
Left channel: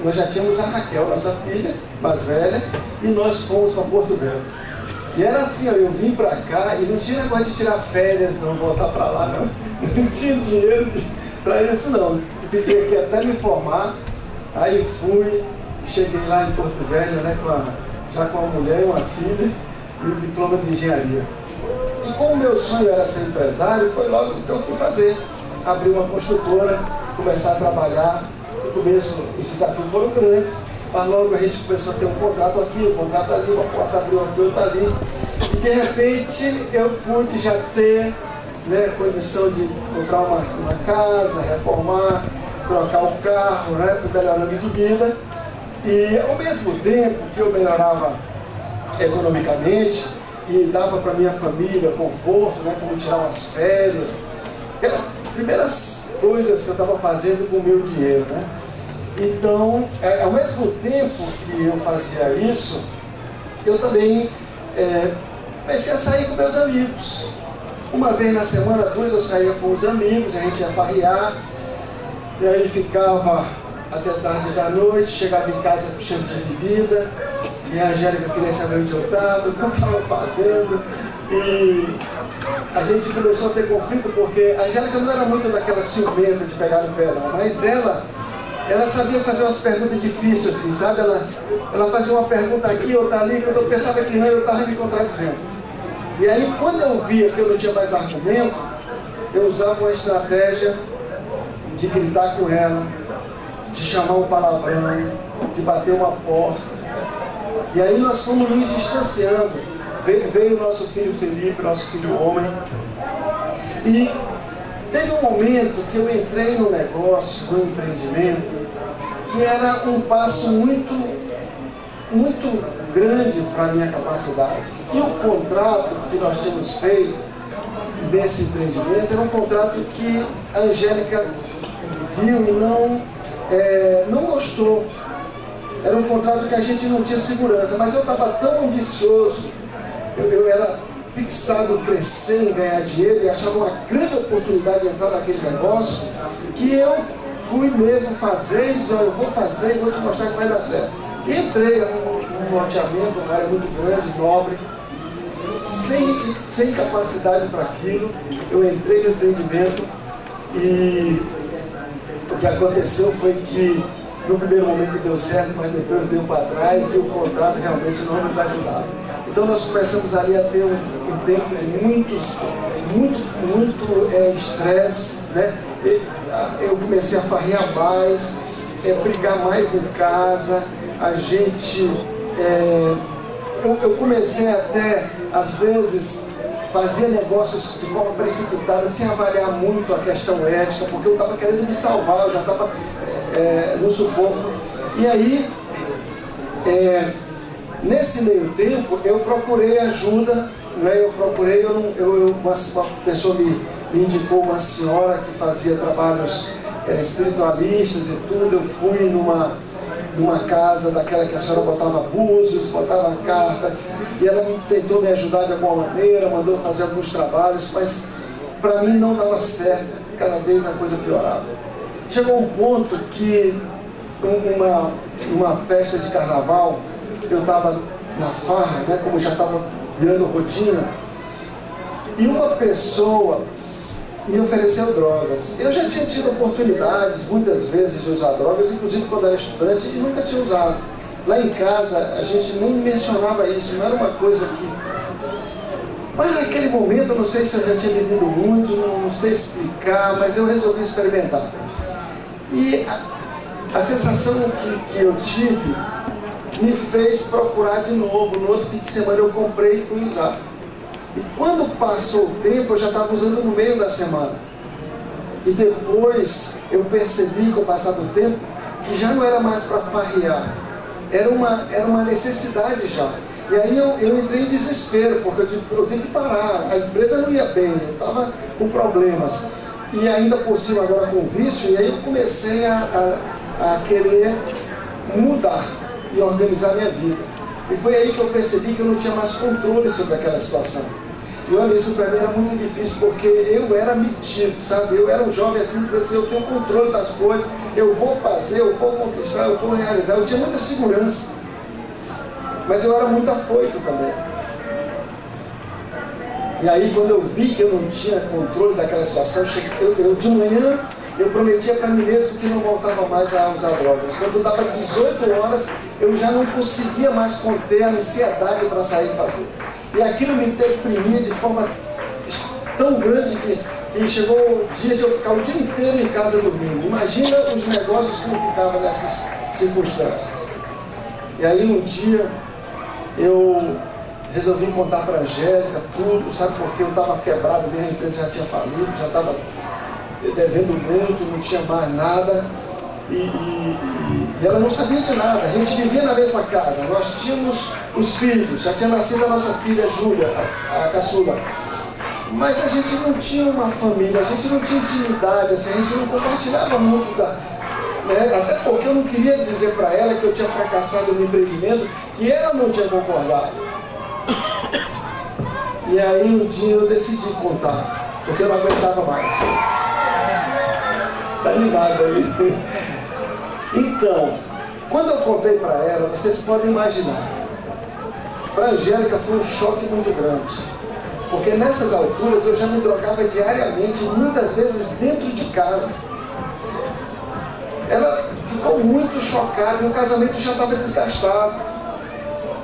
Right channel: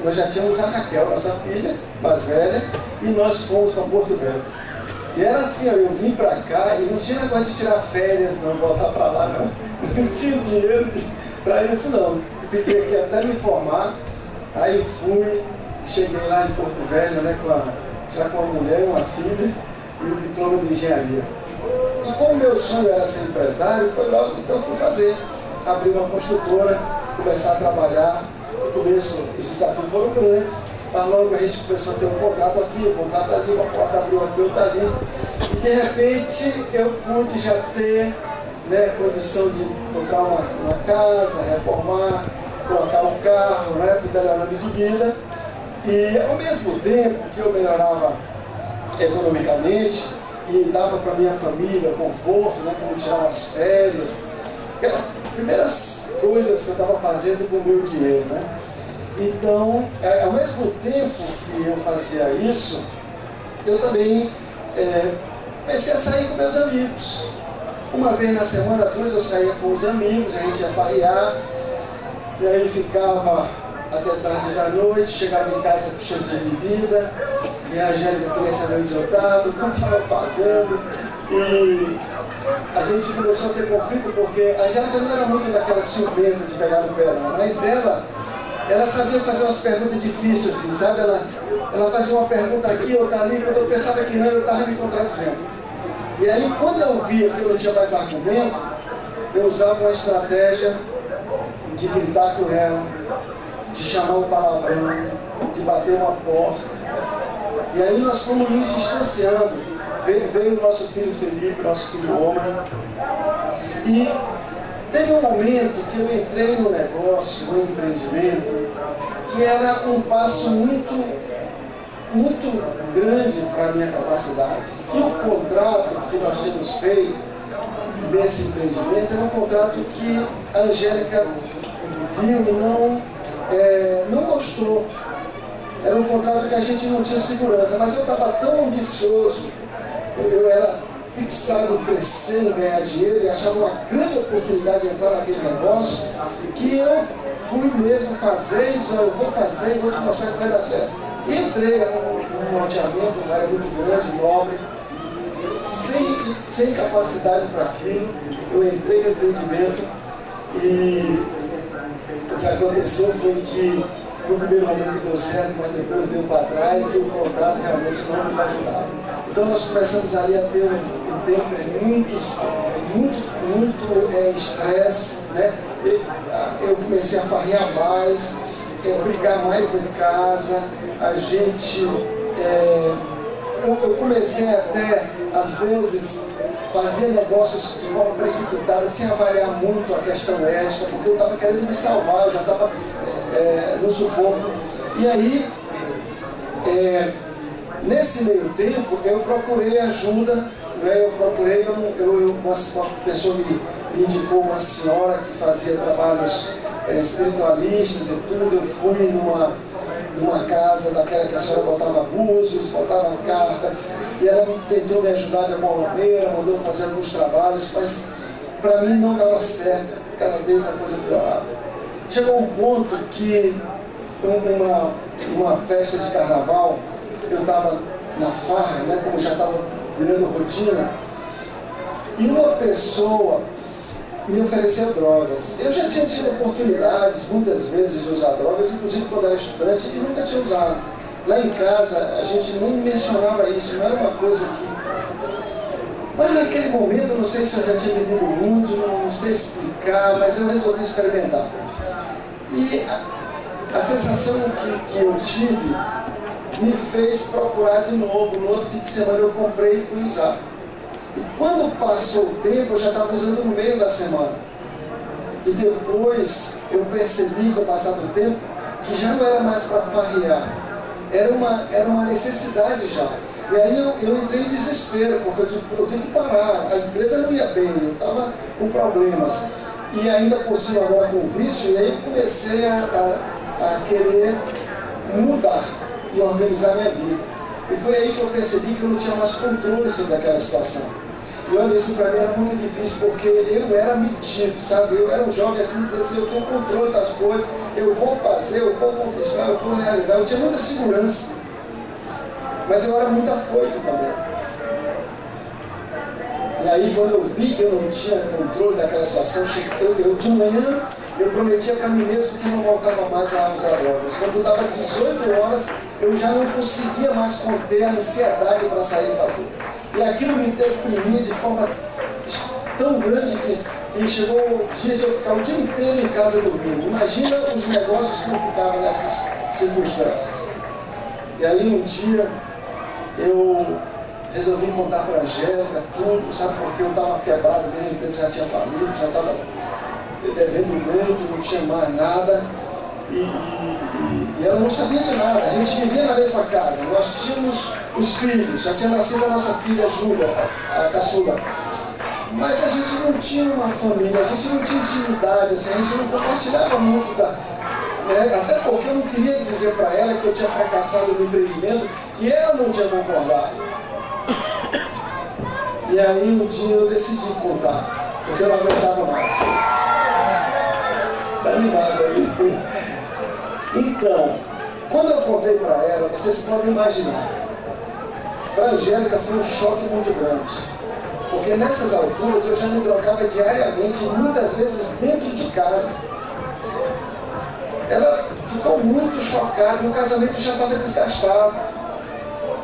nós já tínhamos a Raquel, nossa filha mais velha, e nós fomos para Porto Velho. E era assim, ó, eu vim para cá e não tinha negócio de tirar férias, não, voltar para lá, não tinha dinheiro para isso, não. Fiquei aqui até me formar, aí fui, cheguei lá em Porto Velho, né, já com uma mulher, uma filha e o diploma de engenharia. E como meu sonho era ser empresário, foi logo que eu fui fazer. abrir uma construtora, começar a trabalhar. No começo os desafios foram grandes, mas logo a gente começou a ter um contrato aqui, um contrato ali, uma porta abriu aqui, outra ali. E de repente eu pude já ter, né, condição de comprar uma casa, reformar, trocar o carro, né, fui melhorando de vida. E ao mesmo tempo que eu melhorava economicamente e dava para minha família conforto, né, como tirar umas férias, eram as primeiras coisas que eu estava fazendo com o meu dinheiro, né? Então, ao mesmo tempo que eu fazia isso, eu também comecei a sair com meus amigos. Uma vez na semana, 2 eu saía com os amigos, a gente ia farrear, e aí ficava até tarde da noite, chegava em casa com cheiro de bebida, e a Angélica queria saber onde eu estava, o que eu estava fazendo, e a gente começou a ter conflito, porque a Angélica não era muito daquela ciumenta de pegar no pé, não, mas ela sabia fazer umas perguntas difíceis, assim, sabe? Ela fazia uma pergunta aqui, outra ali, quando eu pensava que não, eu estava me contradizendo. E aí, quando eu via que eu não tinha mais argumento, eu usava uma estratégia de gritar com ela, de chamar um palavrão, de bater uma porta. E aí nós fomos nos distanciando. Veio o nosso filho Felipe, nosso filho homem. E teve um momento que eu entrei no negócio, no empreendimento, que era um passo muito, muito grande para a minha capacidade. E o contrato que nós tínhamos feito nesse empreendimento era um contrato que a Angélica viu e não gostou. Era um contrato que a gente não tinha segurança, mas eu estava tão ambicioso, eu era fixado em crescer, em ganhar dinheiro, e achava uma grande oportunidade de entrar naquele negócio, que eu fui mesmo fazer, e disse, eu vou fazer e vou te mostrar que vai dar certo. E entrei num loteamento, uma área muito grande, nobre, sem capacidade para aquilo. Eu entrei no empreendimento e o que aconteceu foi que no primeiro momento deu certo, mas depois deu para trás e o contrato realmente não nos ajudava. Então nós começamos ali a ter um tempo de muito estresse, né? Eu comecei a farrear mais, brigar mais em casa, a gente... eu comecei até, às vezes, fazer negócios de forma precipitada, sem avaliar muito a questão ética, porque eu estava querendo me salvar, eu já estava no sufoco. E aí, nesse meio tempo, eu procurei ajuda, né? Uma pessoa me indicou uma senhora que fazia trabalhos espiritualistas e tudo. Eu fui numa casa daquela que a senhora botava búzios, botava cartas, e ela tentou me ajudar de alguma maneira, mandou fazer alguns trabalhos, mas para mim não dava certo, cada vez a coisa piorava. Chegou um ponto que uma festa de carnaval, eu estava na farra, né, como já estava virando rotina, e uma pessoa me ofereceu drogas. Eu já tinha tido oportunidades muitas vezes de usar drogas, inclusive quando era estudante, e nunca tinha usado. Lá em casa a gente nem mencionava isso, não era uma coisa que... Mas naquele momento, eu não sei se eu já tinha bebido muito, não sei explicar, mas eu resolvi experimentar. E a sensação que eu tive me fez procurar de novo. No outro fim de semana eu comprei e fui usar. E quando passou o tempo, eu já estava usando no meio da semana. E depois eu percebi, com o passar do tempo, que já não era mais para farrear. Era uma necessidade já. E aí eu entrei em desespero, porque eu tenho que parar. A empresa não ia bem, eu estava com problemas. E ainda por cima agora com vício, e aí eu comecei a querer mudar e organizar minha vida. E foi aí que eu percebi que eu não tinha mais controle sobre aquela situação. E olha, isso para mim era muito difícil, porque eu era metido, sabe? Eu era um jovem assim, dizia assim, eu tenho controle das coisas, eu vou fazer, eu vou conquistar, eu vou realizar. Eu tinha muita segurança, mas eu era muito afoito também. E aí, quando eu vi que eu não tinha controle daquela situação, eu de manhã, eu prometia para mim mesmo que não voltava mais a usar drogas. Quando dava 18 horas, eu já não conseguia mais conter a ansiedade para sair e fazer. E aquilo me deprimia de forma tão grande que que chegou o dia de eu ficar o dia inteiro em casa dormindo. Imagina os negócios que eu ficava nessas circunstâncias. E aí um dia eu resolvi contar para a Angélica tudo, sabe, porque eu estava quebrado mesmo, a empresa já tinha falido, já estava devendo muito, não tinha mais nada. E ela não sabia de nada. A gente vivia na mesma casa, nós tínhamos os filhos, já tinha nascido a nossa filha Júlia, a caçula. Mas a gente não tinha uma família, a gente não tinha intimidade, assim, a gente não compartilhava muito né? Até porque eu não queria dizer para ela que eu tinha fracassado no empreendimento, que ela não tinha concordado. E aí um dia eu decidi contar, porque eu não aguentava mais. Tá animado aí? Então, quando eu contei para ela, vocês podem imaginar, para a Angélica foi um choque muito grande. Porque nessas alturas eu já me drogava diariamente, muitas vezes dentro de casa. Ela ficou muito chocada e o casamento já estava desgastado.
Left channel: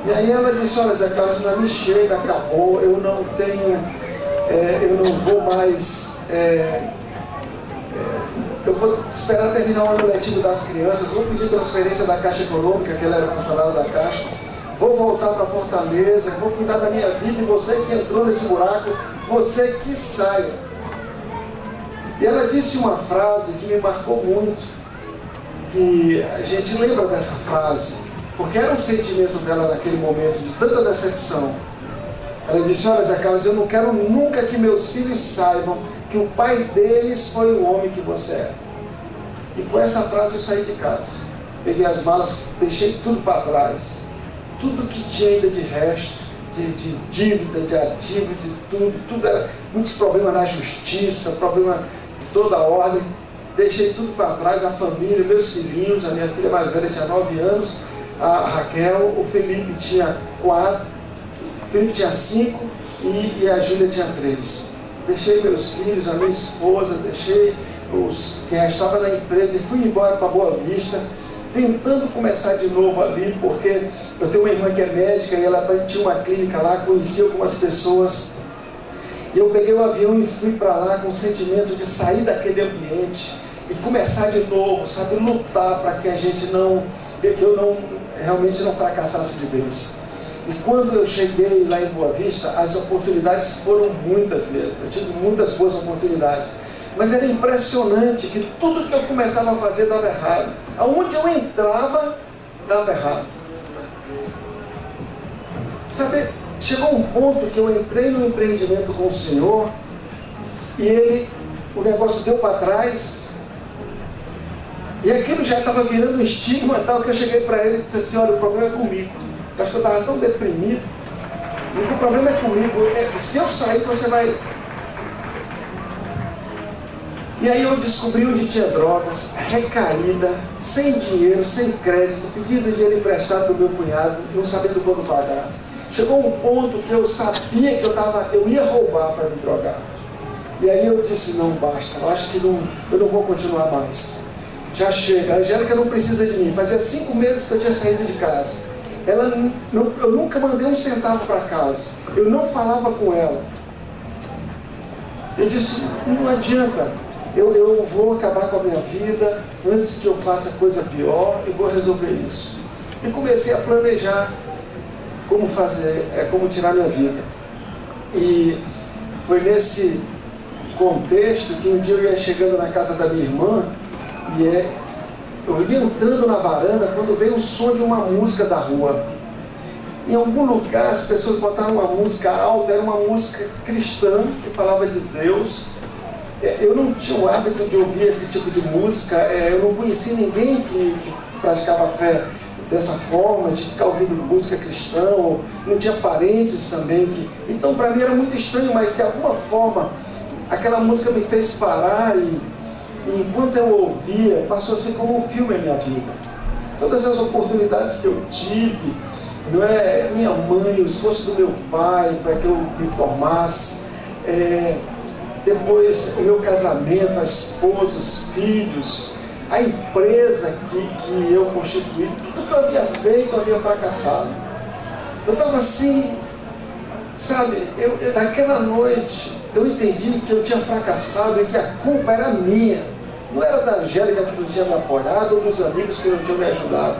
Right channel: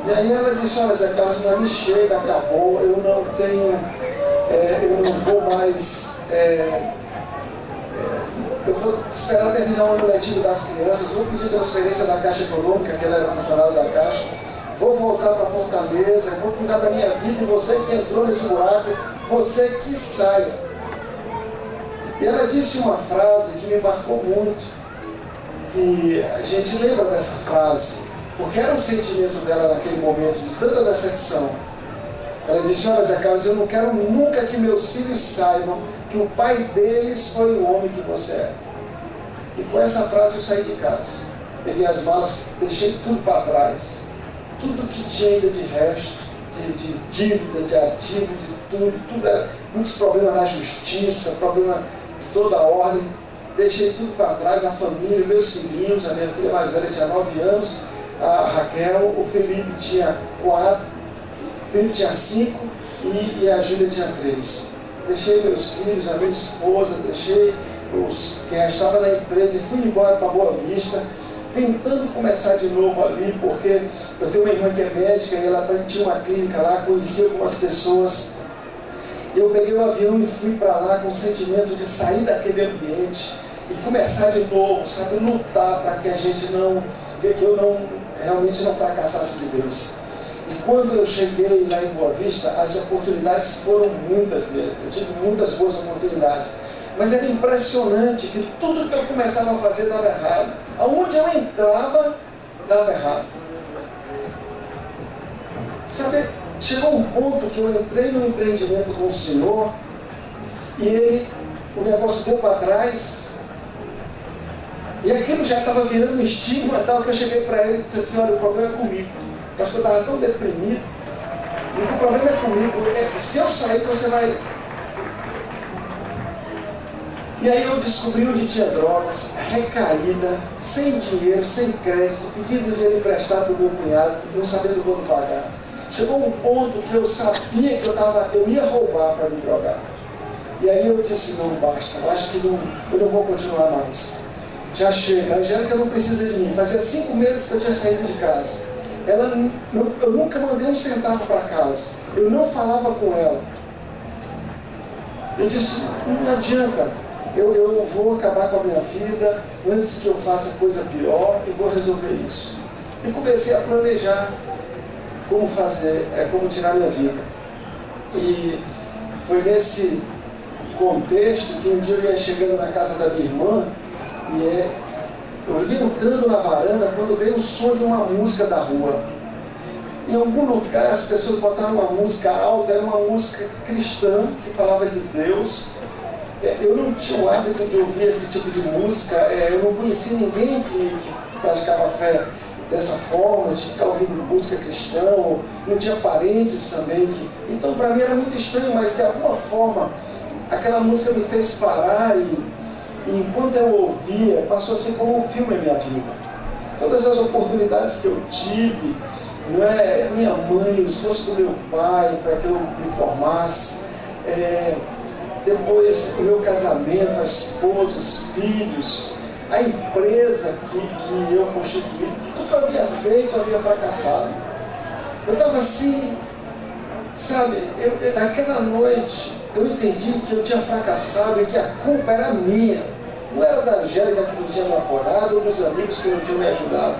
E aí ela disse, olha Zé Carlos, para mim chega, acabou, eu não vou mais... eu vou esperar terminar o ano letivo das crianças, vou pedir transferência da Caixa Econômica, que ela era funcionária da Caixa, vou voltar para Fortaleza, vou cuidar da minha vida, e você que entrou nesse buraco, você que saia. E ela disse uma frase que me marcou muito, que a gente lembra dessa frase, porque era um sentimento dela naquele momento, de tanta decepção. Ela disse, olha Zé Carlos, eu não quero nunca que meus filhos saibam que o pai deles foi o homem que você é. E com essa frase eu saí de casa. Peguei as malas, deixei tudo para trás. Tudo que tinha ainda de resto, de dívida, de ativo, de tudo era muitos problemas na justiça, problema de toda a ordem. Deixei tudo para trás, a família, meus filhinhos, a minha filha mais velha tinha 9 anos, a Raquel, o Felipe tinha 4, o Felipe tinha 5 e a Júlia tinha 3. Deixei meus filhos, a minha esposa, deixei os que estavam na empresa e fui embora para Boa Vista, tentando começar de novo ali, porque eu tenho uma irmã que é médica e ela tinha uma clínica lá, conheci algumas pessoas. E eu peguei o avião e fui para lá com o sentimento de sair daquele ambiente e começar de novo, sabe, lutar para que a gente realmente não fracassasse de vez. E quando eu cheguei lá em Boa Vista, as oportunidades foram muitas mesmo. Eu tive muitas boas oportunidades. Mas era impressionante que tudo que eu começava a fazer dava errado. Aonde eu entrava, dava errado. Sabe, chegou um ponto que eu entrei no empreendimento com o Senhor e o negócio deu para trás. E aquilo já estava virando um estigma tal, que eu cheguei para ele e disse assim, olha, o problema é comigo. Eu acho que eu estava tão deprimido. E o problema é comigo. Se eu sair, você vai... E aí eu descobri onde tinha drogas, recaída, sem dinheiro, sem crédito, pedindo dinheiro emprestado para o meu cunhado, não sabendo quando pagar. Chegou um ponto que eu sabia que eu ia roubar para me drogar. E aí eu disse, não basta, eu acho que eu não vou continuar mais. Já chega, a Angélica não precisa de mim. Fazia 5 meses que eu tinha saído de casa. Eu nunca mandei um centavo para casa. Eu não falava com ela. Eu disse, não adianta. Eu vou acabar com a minha vida antes que eu faça coisa pior e vou resolver isso. E comecei a planejar como tirar minha vida. E foi nesse contexto que um dia eu ia chegando na casa da minha irmã e eu ia entrando na varanda quando veio o som de uma música da rua. Em algum lugar as pessoas botaram uma música alta, era uma música cristã que falava de Deus. Eu não tinha o hábito de ouvir esse tipo de música, eu não conhecia ninguém que praticava fé dessa forma, de ficar ouvindo música cristã, ou não tinha parentes também. Então para mim era muito estranho, mas de alguma forma aquela música me fez parar e enquanto eu ouvia, passou a ser como um filme a minha vida. Todas as oportunidades que eu tive, minha mãe, o esforço do meu pai para que eu me formasse, depois o meu casamento, a esposa, os filhos, a empresa que eu constituí, tudo que eu havia feito, eu havia fracassado. Eu estava assim, sabe, naquela noite, eu entendi que eu tinha fracassado e que a culpa era minha. Não era da Angélica que não tinha me apoiado ou dos amigos que não tinham me ajudado.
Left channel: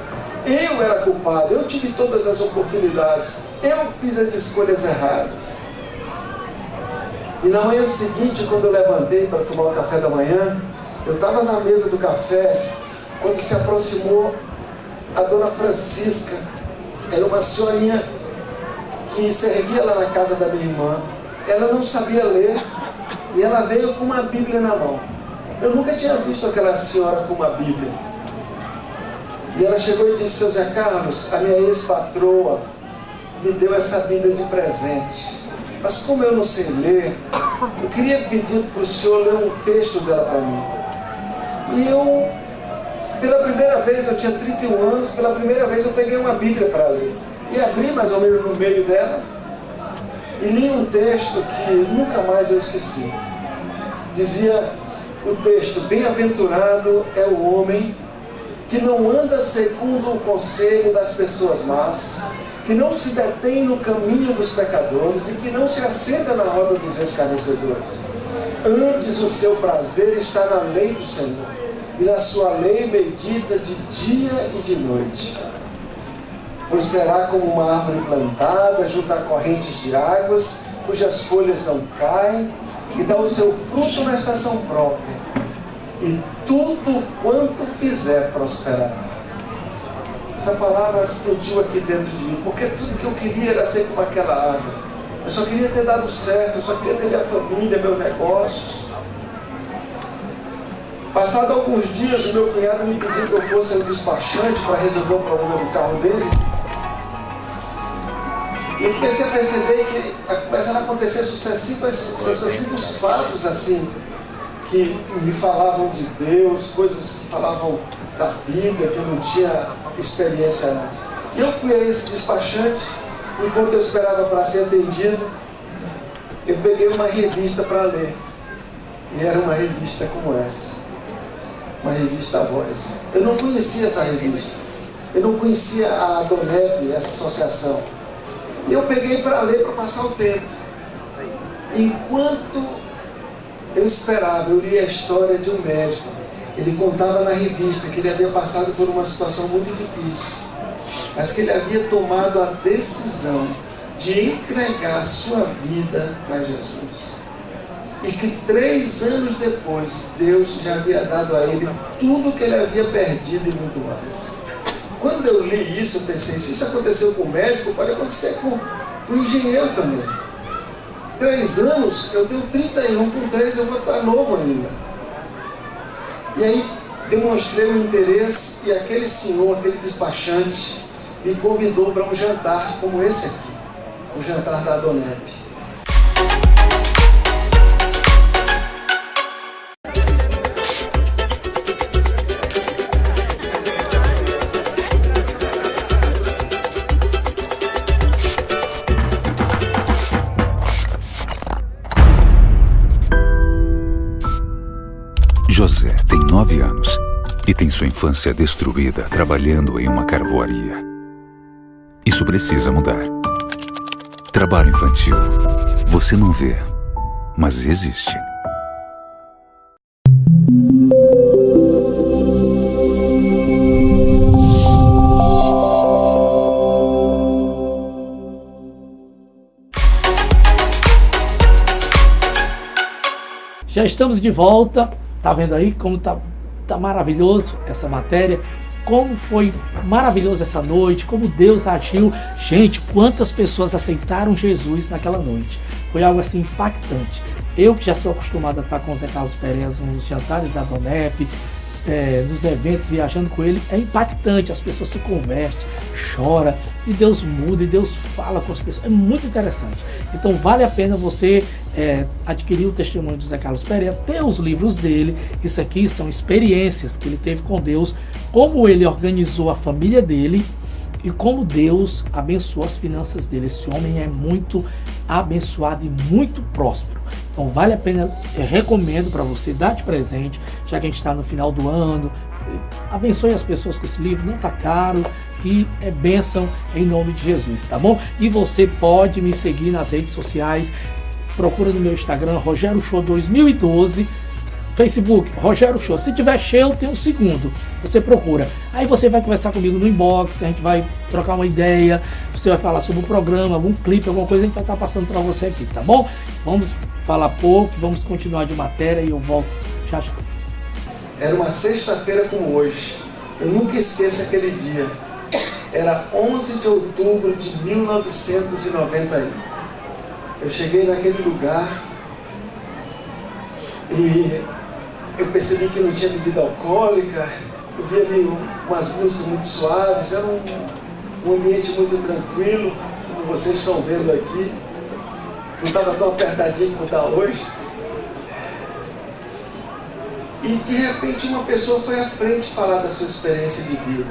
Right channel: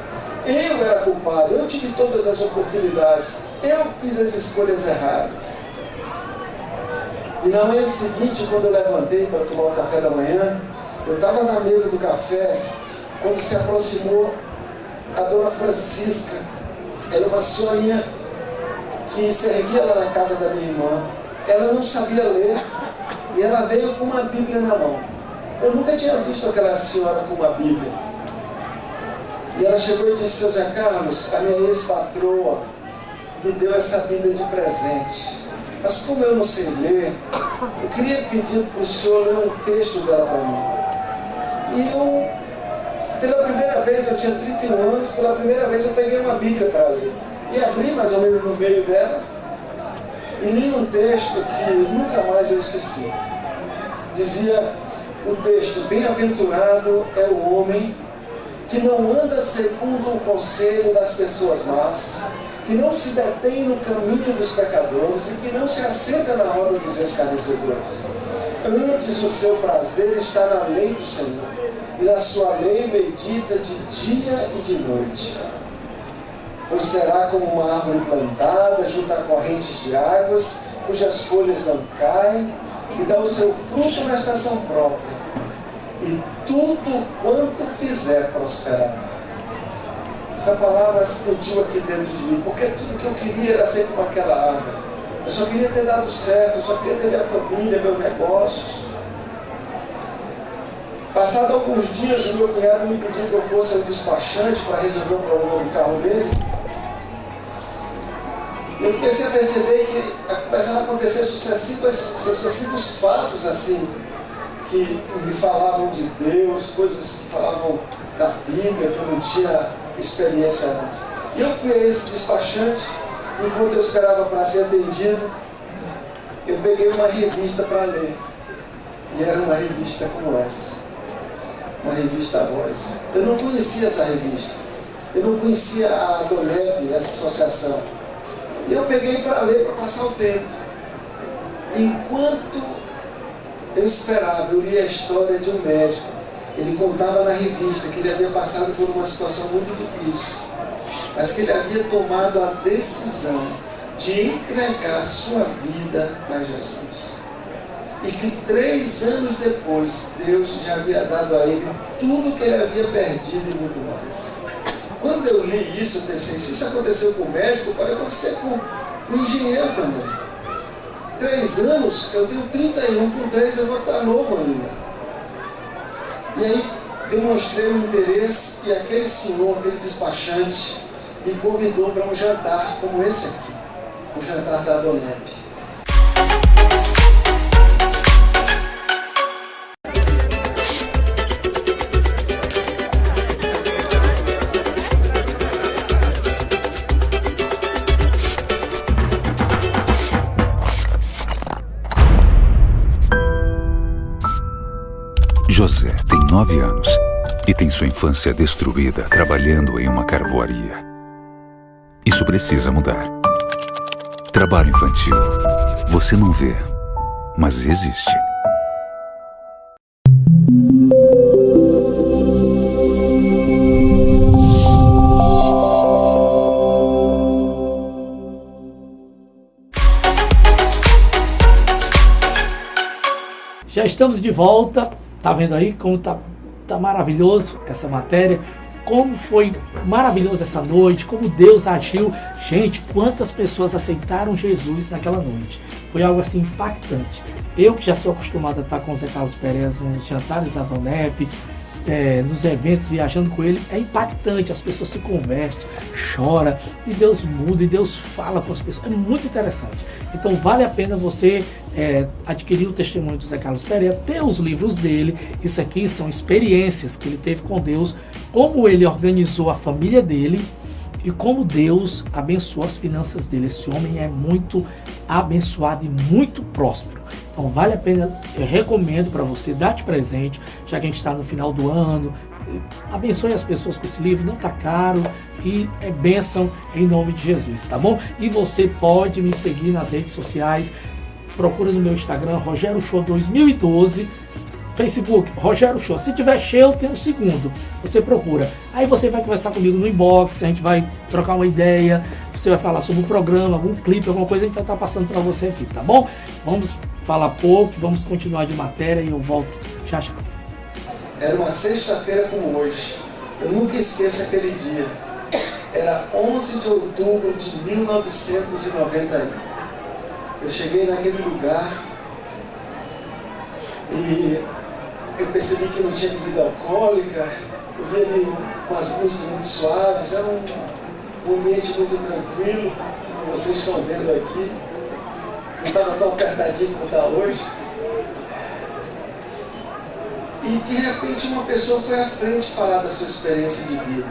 Eu era culpado, eu tive todas as oportunidades, eu fiz as escolhas erradas. E na manhã seguinte, quando eu levantei para tomar o café da manhã, eu estava na mesa do café, quando se aproximou a dona Francisca. Era uma senhorinha que servia lá na casa da minha irmã. Ela não sabia ler e ela veio com uma Bíblia na mão. Eu nunca tinha visto aquela senhora com uma Bíblia. E ela chegou e disse: seu Zé Carlos, a minha ex-patroa me deu essa Bíblia de presente. Mas como eu não sei ler, eu queria pedir para o senhor ler um texto dela para mim. E eu, pela primeira vez, eu tinha 31 anos, pela primeira vez eu peguei uma Bíblia para ler. E abri mais ou menos no meio dela e li um texto que nunca mais eu esqueci. Dizia o texto: bem-aventurado é o homem que não anda segundo o conselho das pessoas más, que não se detém no caminho dos pecadores e que não se assenta na roda dos escarnecedores. Antes o seu prazer está na lei do Senhor, e na sua lei medita de dia e de noite. Pois será como uma árvore plantada junto a correntes de águas, cujas folhas não caem, e dá o seu fruto na estação própria, e tudo quanto fizer prosperará. Essa palavra explodiu aqui dentro de mim, porque tudo que eu queria era ser como aquela árvore. Eu só queria ter dado certo, eu só queria ter minha família, meus negócios. Passado alguns dias, o meu cunhado me pediu que eu fosse ao despachante para resolver o problema do carro dele. E eu comecei a perceber que começaram a acontecer sucessivos fatos assim, que me falavam de Deus, coisas que falavam da Bíblia, que eu não tinha experiência antes. E eu fui a esse despachante, e enquanto eu esperava para ser atendido, eu peguei uma revista para ler. E era uma revista como essa, uma revista Voz. Eu não conhecia essa revista, eu não conhecia a DONEP, essa associação. E eu peguei para ler, para passar o tempo. Enquanto eu esperava, eu li a história de um médico. Ele contava na revista que ele havia passado por uma situação muito difícil, mas que ele havia tomado a decisão de entregar a sua vida para Jesus. E que 3 anos depois, Deus já havia dado a ele tudo que ele havia perdido e muito mais. Quando eu li isso, eu pensei: se isso aconteceu com o médico, pode acontecer com o engenheiro também. 3 anos, eu tenho 31, com 3 eu vou estar novo ainda. E aí demonstrei um interesse, e aquele senhor, aquele despachante, me convidou para um jantar como esse aqui, o jantar da DONEP. José tem 9 anos e tem sua infância destruída trabalhando em uma carvoaria. Isso precisa mudar. Trabalho infantil. Você não vê, mas existe. Já estamos de volta. Tá vendo aí como tá maravilhoso essa matéria? Como foi maravilhoso essa noite, como Deus agiu. Gente, quantas pessoas aceitaram Jesus naquela noite. Foi algo assim impactante. Eu que já sou acostumado a estar com o Zé Carlos Pereira nos jantares da DONEP, nos eventos, viajando com ele, é impactante. As pessoas se convertem, choram, e Deus muda, e Deus fala com as pessoas. É muito interessante. Então vale a pena você adquirir o testemunho do Zé Carlos Pereira, ter os livros dele. Isso aqui são experiências que ele teve com Deus, como ele organizou a família dele e como Deus abençoou as finanças dele. Esse homem é muito abençoado e muito próspero. Então vale a pena, recomendo para você dar de presente, já que a gente está no final do ano. Abençoe as pessoas com esse livro, não está caro e é bênção em nome de Jesus, tá bom? E você pode me seguir nas redes sociais, procura no meu Instagram, Rogério Show 2012, Facebook, Rogério Show. Se tiver cheio, tem um segundo. Você procura. Aí você vai conversar comigo no inbox, a gente vai trocar uma ideia, você vai falar sobre o programa, algum clipe, alguma coisa, a gente vai estar passando para você aqui, tá bom? Vamos falar pouco, vamos continuar de matéria e eu volto já já. Era uma sexta-feira como hoje. Eu nunca esqueço aquele dia. Era 11 de outubro de 1991. Eu cheguei naquele lugar e eu percebi que não tinha bebida alcoólica. Eu vi ali umas músicas muito suaves. Era um ambiente muito tranquilo, como vocês estão vendo aqui. Não estava tão apertadinho como está hoje. E de repente uma pessoa foi à frente falar da sua experiência de vida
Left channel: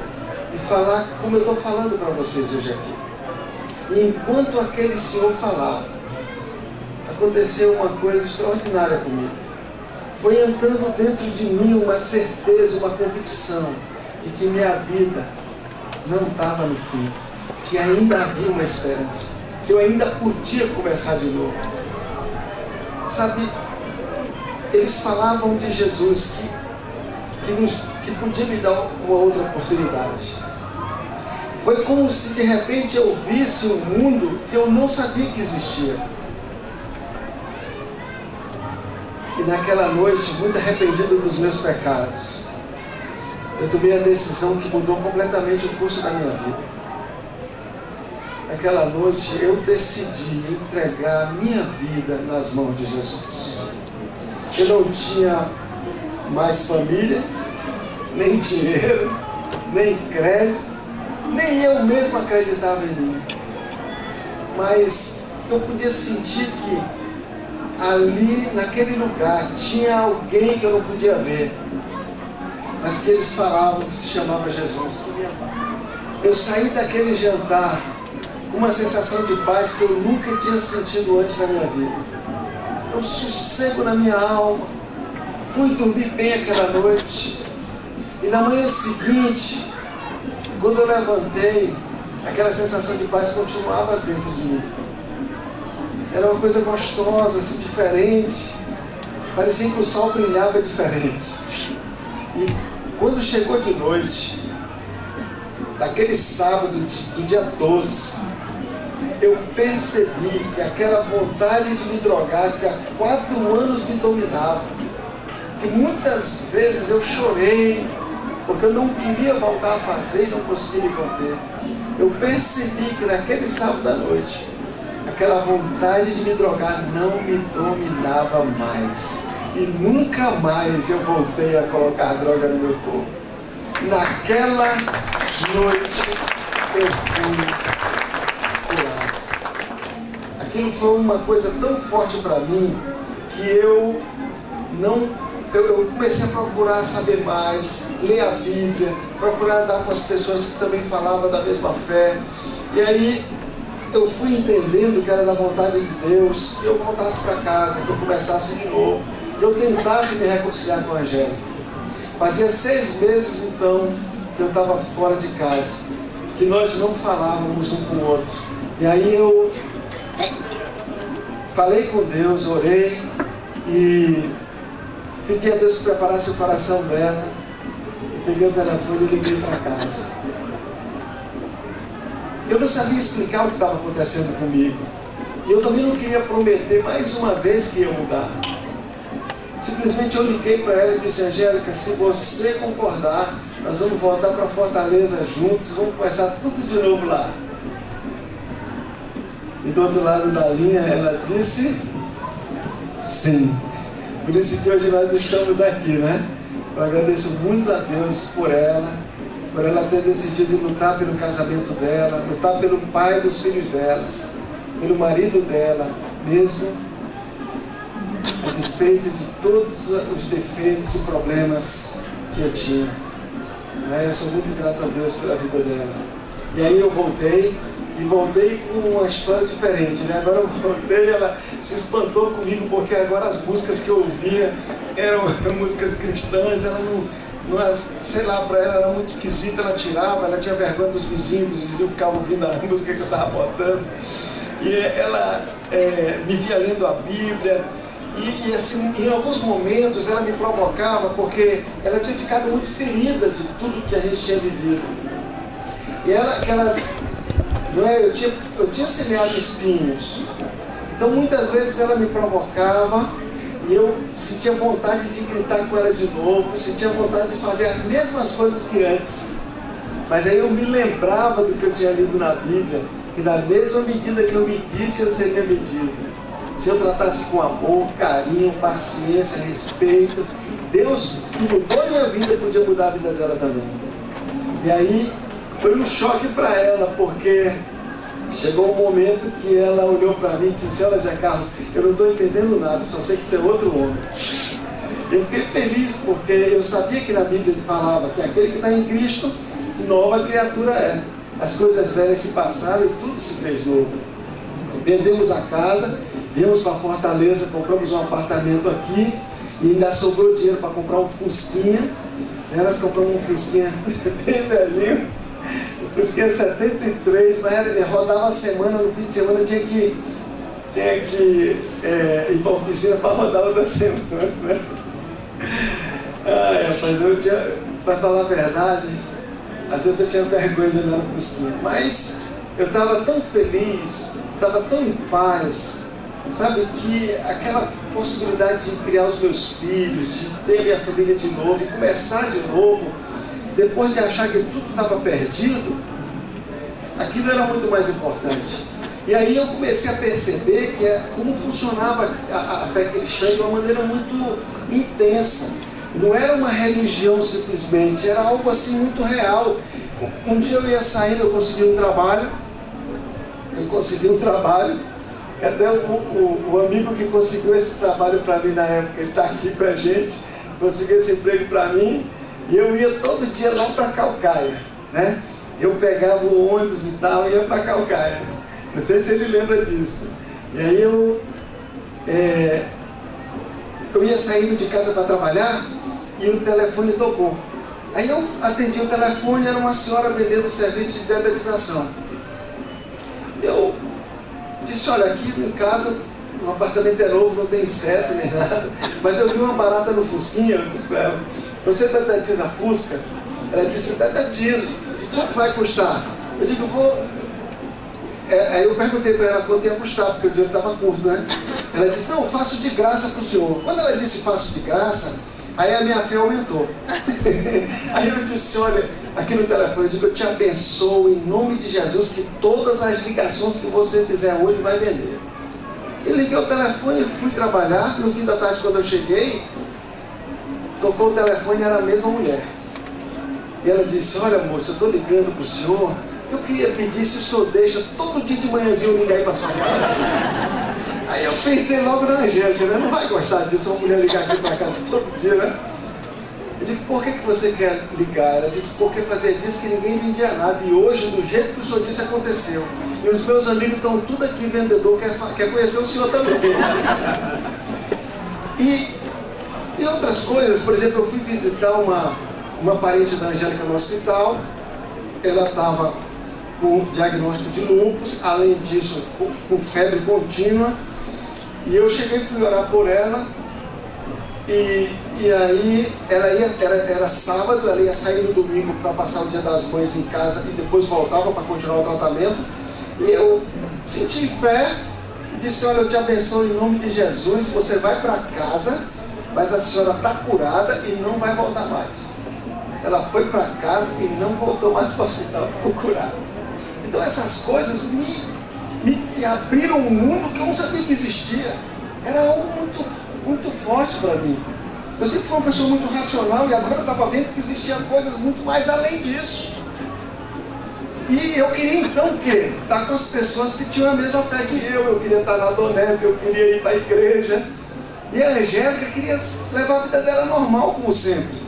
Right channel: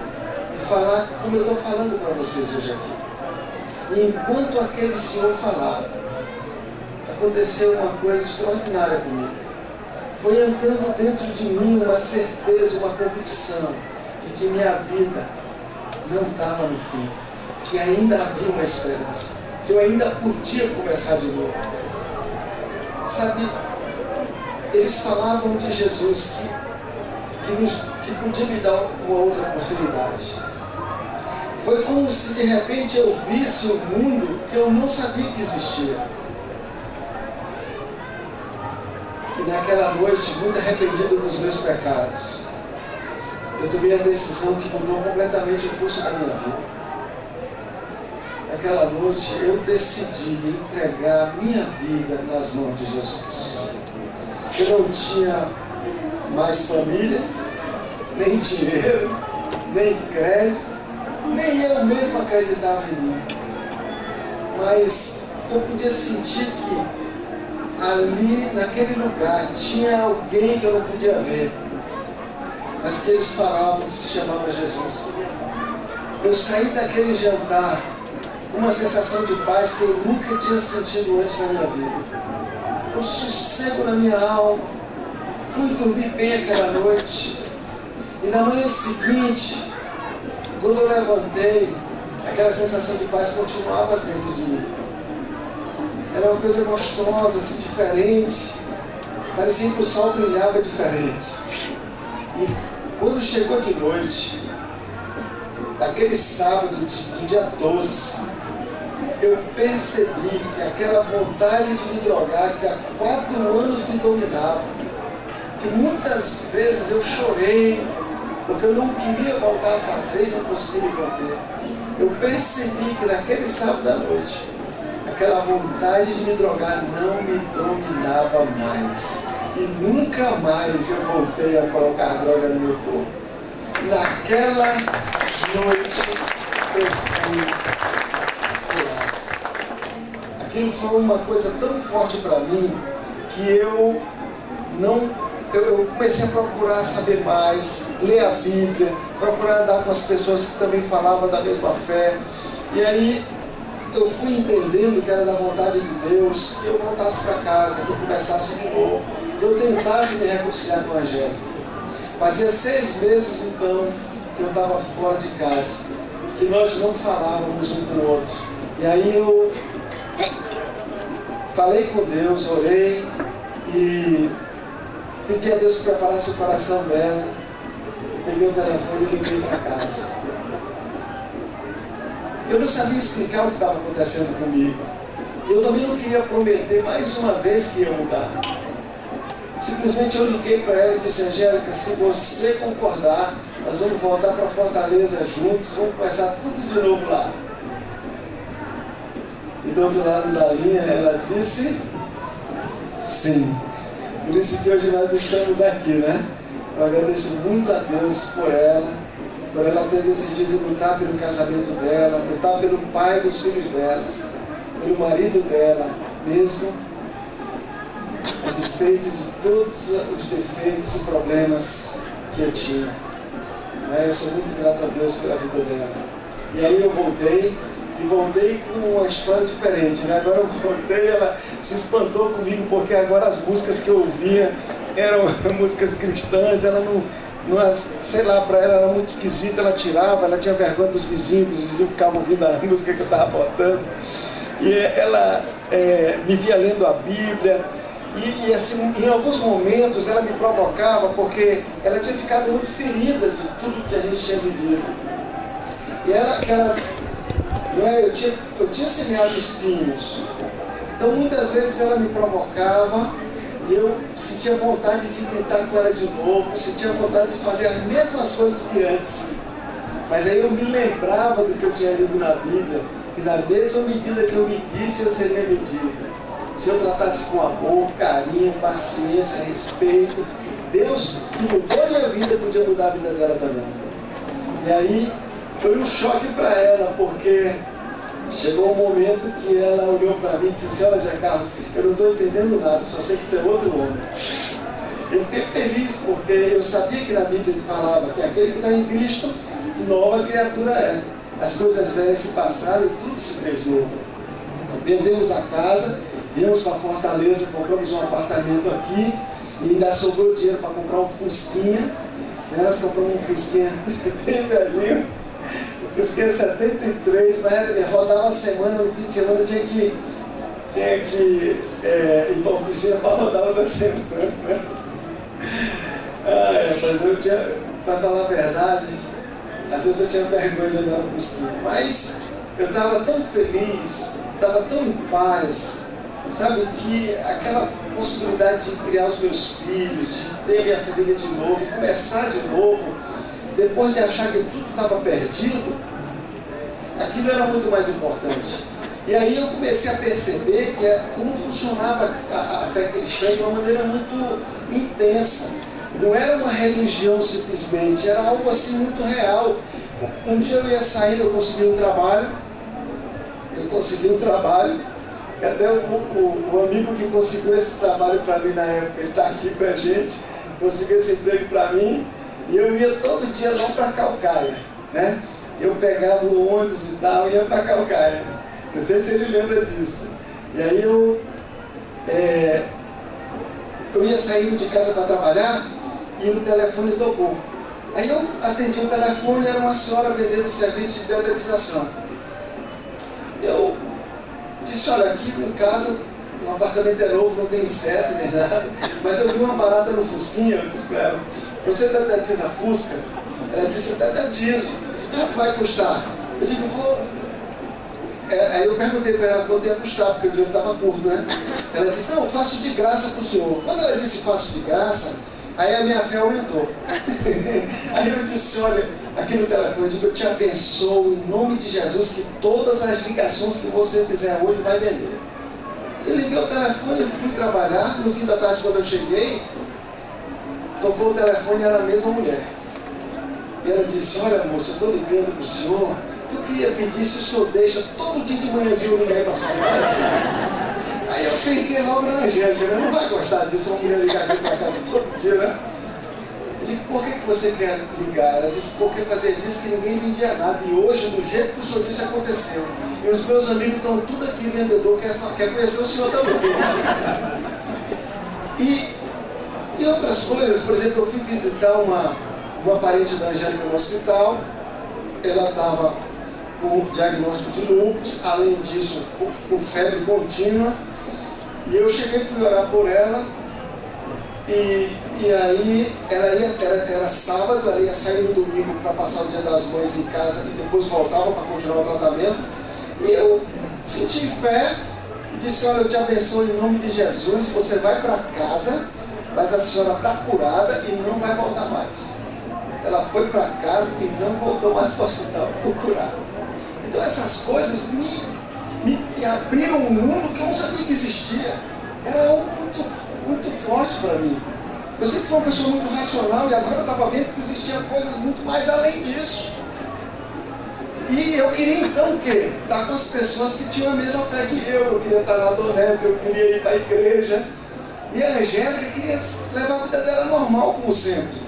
e falar como eu estou falando para vocês hoje aqui. E enquanto aquele senhor falava, aconteceu uma coisa extraordinária comigo. Foi entrando dentro de mim uma certeza, uma convicção de que minha vida não estava no fim, que ainda havia uma esperança, que eu ainda podia começar de novo. Sabe, eles falavam de Jesus que podia me dar uma outra oportunidade. Foi como se de repente eu visse um mundo que eu não sabia que existia. E naquela noite, muito arrependido dos meus pecados, eu tomei a decisão que mudou completamente o curso da minha vida. Naquela noite eu decidi entregar a minha vida nas mãos de Jesus. Eu não tinha mais família, nem dinheiro, nem crédito, nem eu mesmo acreditava em mim. Mas eu podia sentir que ali, naquele lugar, tinha alguém que eu não podia ver, mas que eles falavam que se chamava Jesus, que me amava. Eu saí daquele jantar com uma sensação de paz que eu nunca tinha sentido antes na minha vida. Um sossego na minha alma. Fui dormir bem aquela noite. E na manhã seguinte, quando eu levantei, aquela sensação de paz continuava dentro de mim. Era uma coisa gostosa, assim, diferente. Parecia que o sol brilhava diferente. E quando chegou de noite, daquele sábado do dia 12, eu percebi que aquela vontade de me drogar, que há 4 anos me dominava, que muitas vezes eu chorei, porque eu não queria voltar a fazer e não conseguia me conter. Eu percebi que naquele sábado à noite, aquela vontade de me drogar não me dominava mais. E nunca mais eu voltei a colocar droga no meu corpo. Naquela noite eu fui. Aquilo foi uma coisa tão forte para mim que eu comecei a procurar saber mais, ler a Bíblia, procurar andar com as pessoas que também falavam da mesma fé. E aí eu fui entendendo que era da vontade de Deus que eu voltasse para casa, que eu começasse de novo, que eu tentasse me reconciliar com a Angélica. Fazia 6 meses então que eu estava fora de casa, que nós não falávamos um com o outro. E aí eu falei com Deus, orei e pedi a Deus que preparasse o coração dela. Eu peguei o telefone e liguei para casa. Eu não sabia explicar o que estava acontecendo comigo. E eu também não queria prometer mais uma vez que ia mudar. Simplesmente eu liguei para ela e disse: Angélica, se você concordar, nós vamos voltar para Fortaleza juntos, vamos começar tudo de novo lá. E do outro lado da linha ela disse sim. Por isso que hoje nós estamos aqui, né? Eu agradeço muito a Deus por ela ter decidido lutar pelo casamento dela, lutar pelo pai dos filhos dela, pelo marido dela, mesmo a despeito de todos os defeitos e problemas que eu tinha. Eu sou muito grato a Deus pela vida dela. E aí eu voltei com uma história diferente, né? Agora eu voltei, ela se espantou comigo, porque agora as músicas que eu ouvia eram músicas cristãs, ela não, sei lá, para ela era muito esquisita, ela tirava, ela tinha vergonha dos vizinhos que ficavam ouvindo a música que eu estava botando. E ela me via lendo a Bíblia. E assim, em alguns momentos ela me provocava porque ela tinha ficado muito ferida de tudo que a gente tinha vivido. E eu tinha semeado espinhos. Então muitas vezes ela me provocava e eu sentia vontade de gritar com ela de novo, sentia vontade de fazer as mesmas coisas que antes. Mas aí eu me lembrava do que eu tinha lido na Bíblia, que na mesma medida que eu medisse, eu seria medido. Se eu tratasse com amor, carinho, paciência, respeito, Deus, que mudou a minha vida, podia mudar a vida dela também. E aí foi um choque para ela, porque chegou um momento que ela olhou para mim e disse assim: olha, Zé Carlos, eu não estou entendendo nada, só sei que tem outro homem. Eu fiquei feliz, porque eu sabia que na Bíblia ele falava que aquele que está em Cristo, nova criatura é. As coisas velhas se passaram e tudo se fez novo. Vendemos a casa, viemos para Fortaleza, compramos um apartamento aqui e ainda sobrou dinheiro para comprar um Fusquinha. Nós compramos um Fusquinha bem velhinho, um Fusquinha 73, mas rodava a semana, no fim de semana tinha que ir para a oficina para rodar outra semana. Né? Rapaz, para falar a verdade, às vezes eu tinha vergonha de andar no Fusquinha, mas eu estava tão feliz, estava tão em paz, sabe, que aquela possibilidade de criar os meus filhos, de ter minha família de novo, e começar de novo, depois de achar que tudo estava perdido, aquilo era muito mais importante. E aí eu comecei a perceber como funcionava a fé cristã de uma maneira muito intensa. Não era uma religião simplesmente, era algo assim muito real. Um dia eu ia saindo, eu consegui um trabalho, até o amigo que conseguiu esse trabalho para mim na época, ele está aqui com a gente, conseguiu esse emprego para mim, e eu ia todo dia lá para Calcaia, né? Eu pegava o ônibus e tal, e ia para Calcaia. Não sei se ele lembra disso. E aí eu ia saindo de casa para trabalhar e o telefone tocou. Aí eu atendi o telefone, era uma senhora vendendo serviço de dedetização. Eu disse: olha, aqui em casa o apartamento é novo, não tem inseto nem nada, mas eu vi uma barata no Fusquinha. Eu disse para ela: você dedetiza Fusca? Ela disse: dedetizo. De quanto vai custar? Eu digo: vou... Aí eu perguntei para ela quanto ia custar, porque o dinheiro estava curto, né? Ela disse: não, faço de graça para o senhor. Quando ela disse faço de graça, aí a minha fé aumentou. Aí eu disse: olha, aqui no telefone, eu digo: eu te abençoo em nome de Jesus, que todas as ligações que você fizer hoje vai vender. Eu liguei o telefone e fui trabalhar. No fim da tarde, quando eu cheguei, tocou o telefone, era a mesma mulher. E ela disse: olha, moça, eu estou ligando para o senhor, eu queria pedir se o senhor deixa todo dia de manhãzinho eu ligar aí para sua casa. Aí eu pensei logo na Angélica, né? Não vai gostar disso, uma mulher ligar aqui para casa todo dia, né? Eu digo: por que você quer ligar? Ela disse: porque fazia dias que ninguém vendia nada, e hoje, do jeito que o senhor disse, aconteceu. E os meus amigos estão tudo aqui, vendedor, quer conhecer o senhor também. E outras coisas, por exemplo, eu fui visitar uma parente da Angélica no hospital. Ela estava com diagnóstico de lúpus, além disso com febre contínua, e eu cheguei e fui orar por ela, e aí era sábado, ela ia sair no domingo para passar o Dia das Mães em casa e depois voltava para continuar o tratamento, e eu senti fé e disse: olha, eu te abençoo em nome de Jesus, você vai para casa, mas a senhora está curada e não vai voltar mais. Ela foi para casa e não voltou mais para o hospital, ficou curada. Então essas coisas me abriram um mundo que eu não sabia que existia. Era algo muito, muito forte para mim. Eu sempre fui uma pessoa muito racional, e agora eu estava vendo que existiam coisas muito mais além disso. E eu queria então o quê? Estar com as pessoas que tinham a mesma fé que eu queria estar na Donep, eu queria ir para a igreja. E a Angélica queria levar a vida dela normal, como sempre.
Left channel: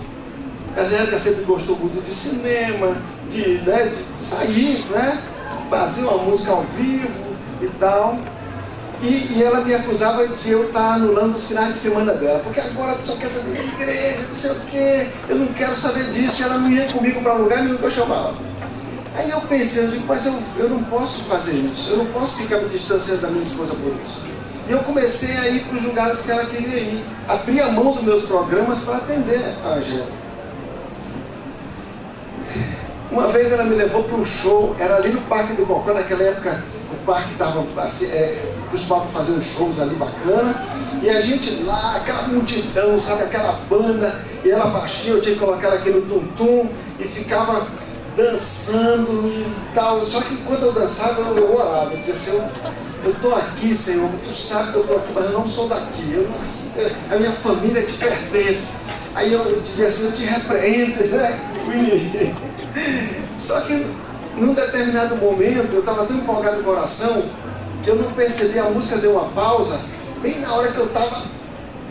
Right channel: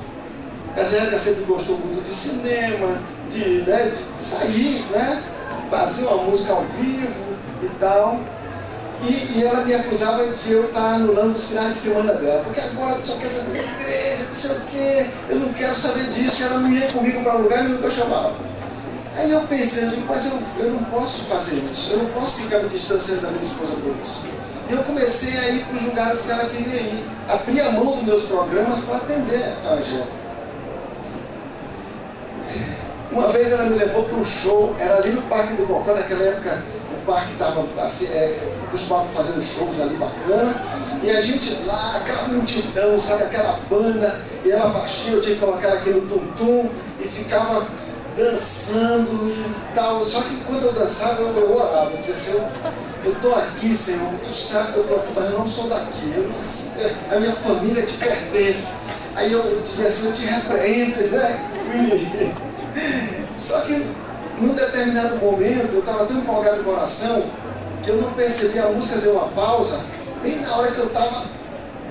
A Angélica sempre gostou muito de cinema, de sair, né? Fazer uma música ao vivo e tal. E ela me acusava de eu estar anulando os finais de semana dela, porque agora só quer saber de igreja, não sei o quê, eu não quero saber disso. E ela não ia comigo para lugar nenhum que eu chamava. Aí eu pensei, eu digo, mas eu não posso fazer isso, eu não posso ficar me distanciando da minha esposa por isso. E eu comecei a ir para os lugares que ela queria ir, abri a mão dos meus programas para atender a Angélica. Uma vez ela me levou para um show, era ali no Parque do Cocó, naquela época o parque estava assim, costumava fazer uns shows ali bacana, e a gente lá, aquela multidão, sabe, aquela banda, e ela baixinha, eu tinha que colocar aqui no tum-tum, e ficava dançando e tal. Só que enquanto eu dançava, eu orava, eu dizia assim, eu estou aqui, Senhor, tu sabe que eu estou aqui, mas eu não sou daqui, a minha família te pertence. Aí eu dizia assim, eu te repreendo, né? O inimigo. Só que num determinado momento eu estava tão empolgado com a oração que eu não percebi, a música deu uma pausa, bem na hora que eu estava.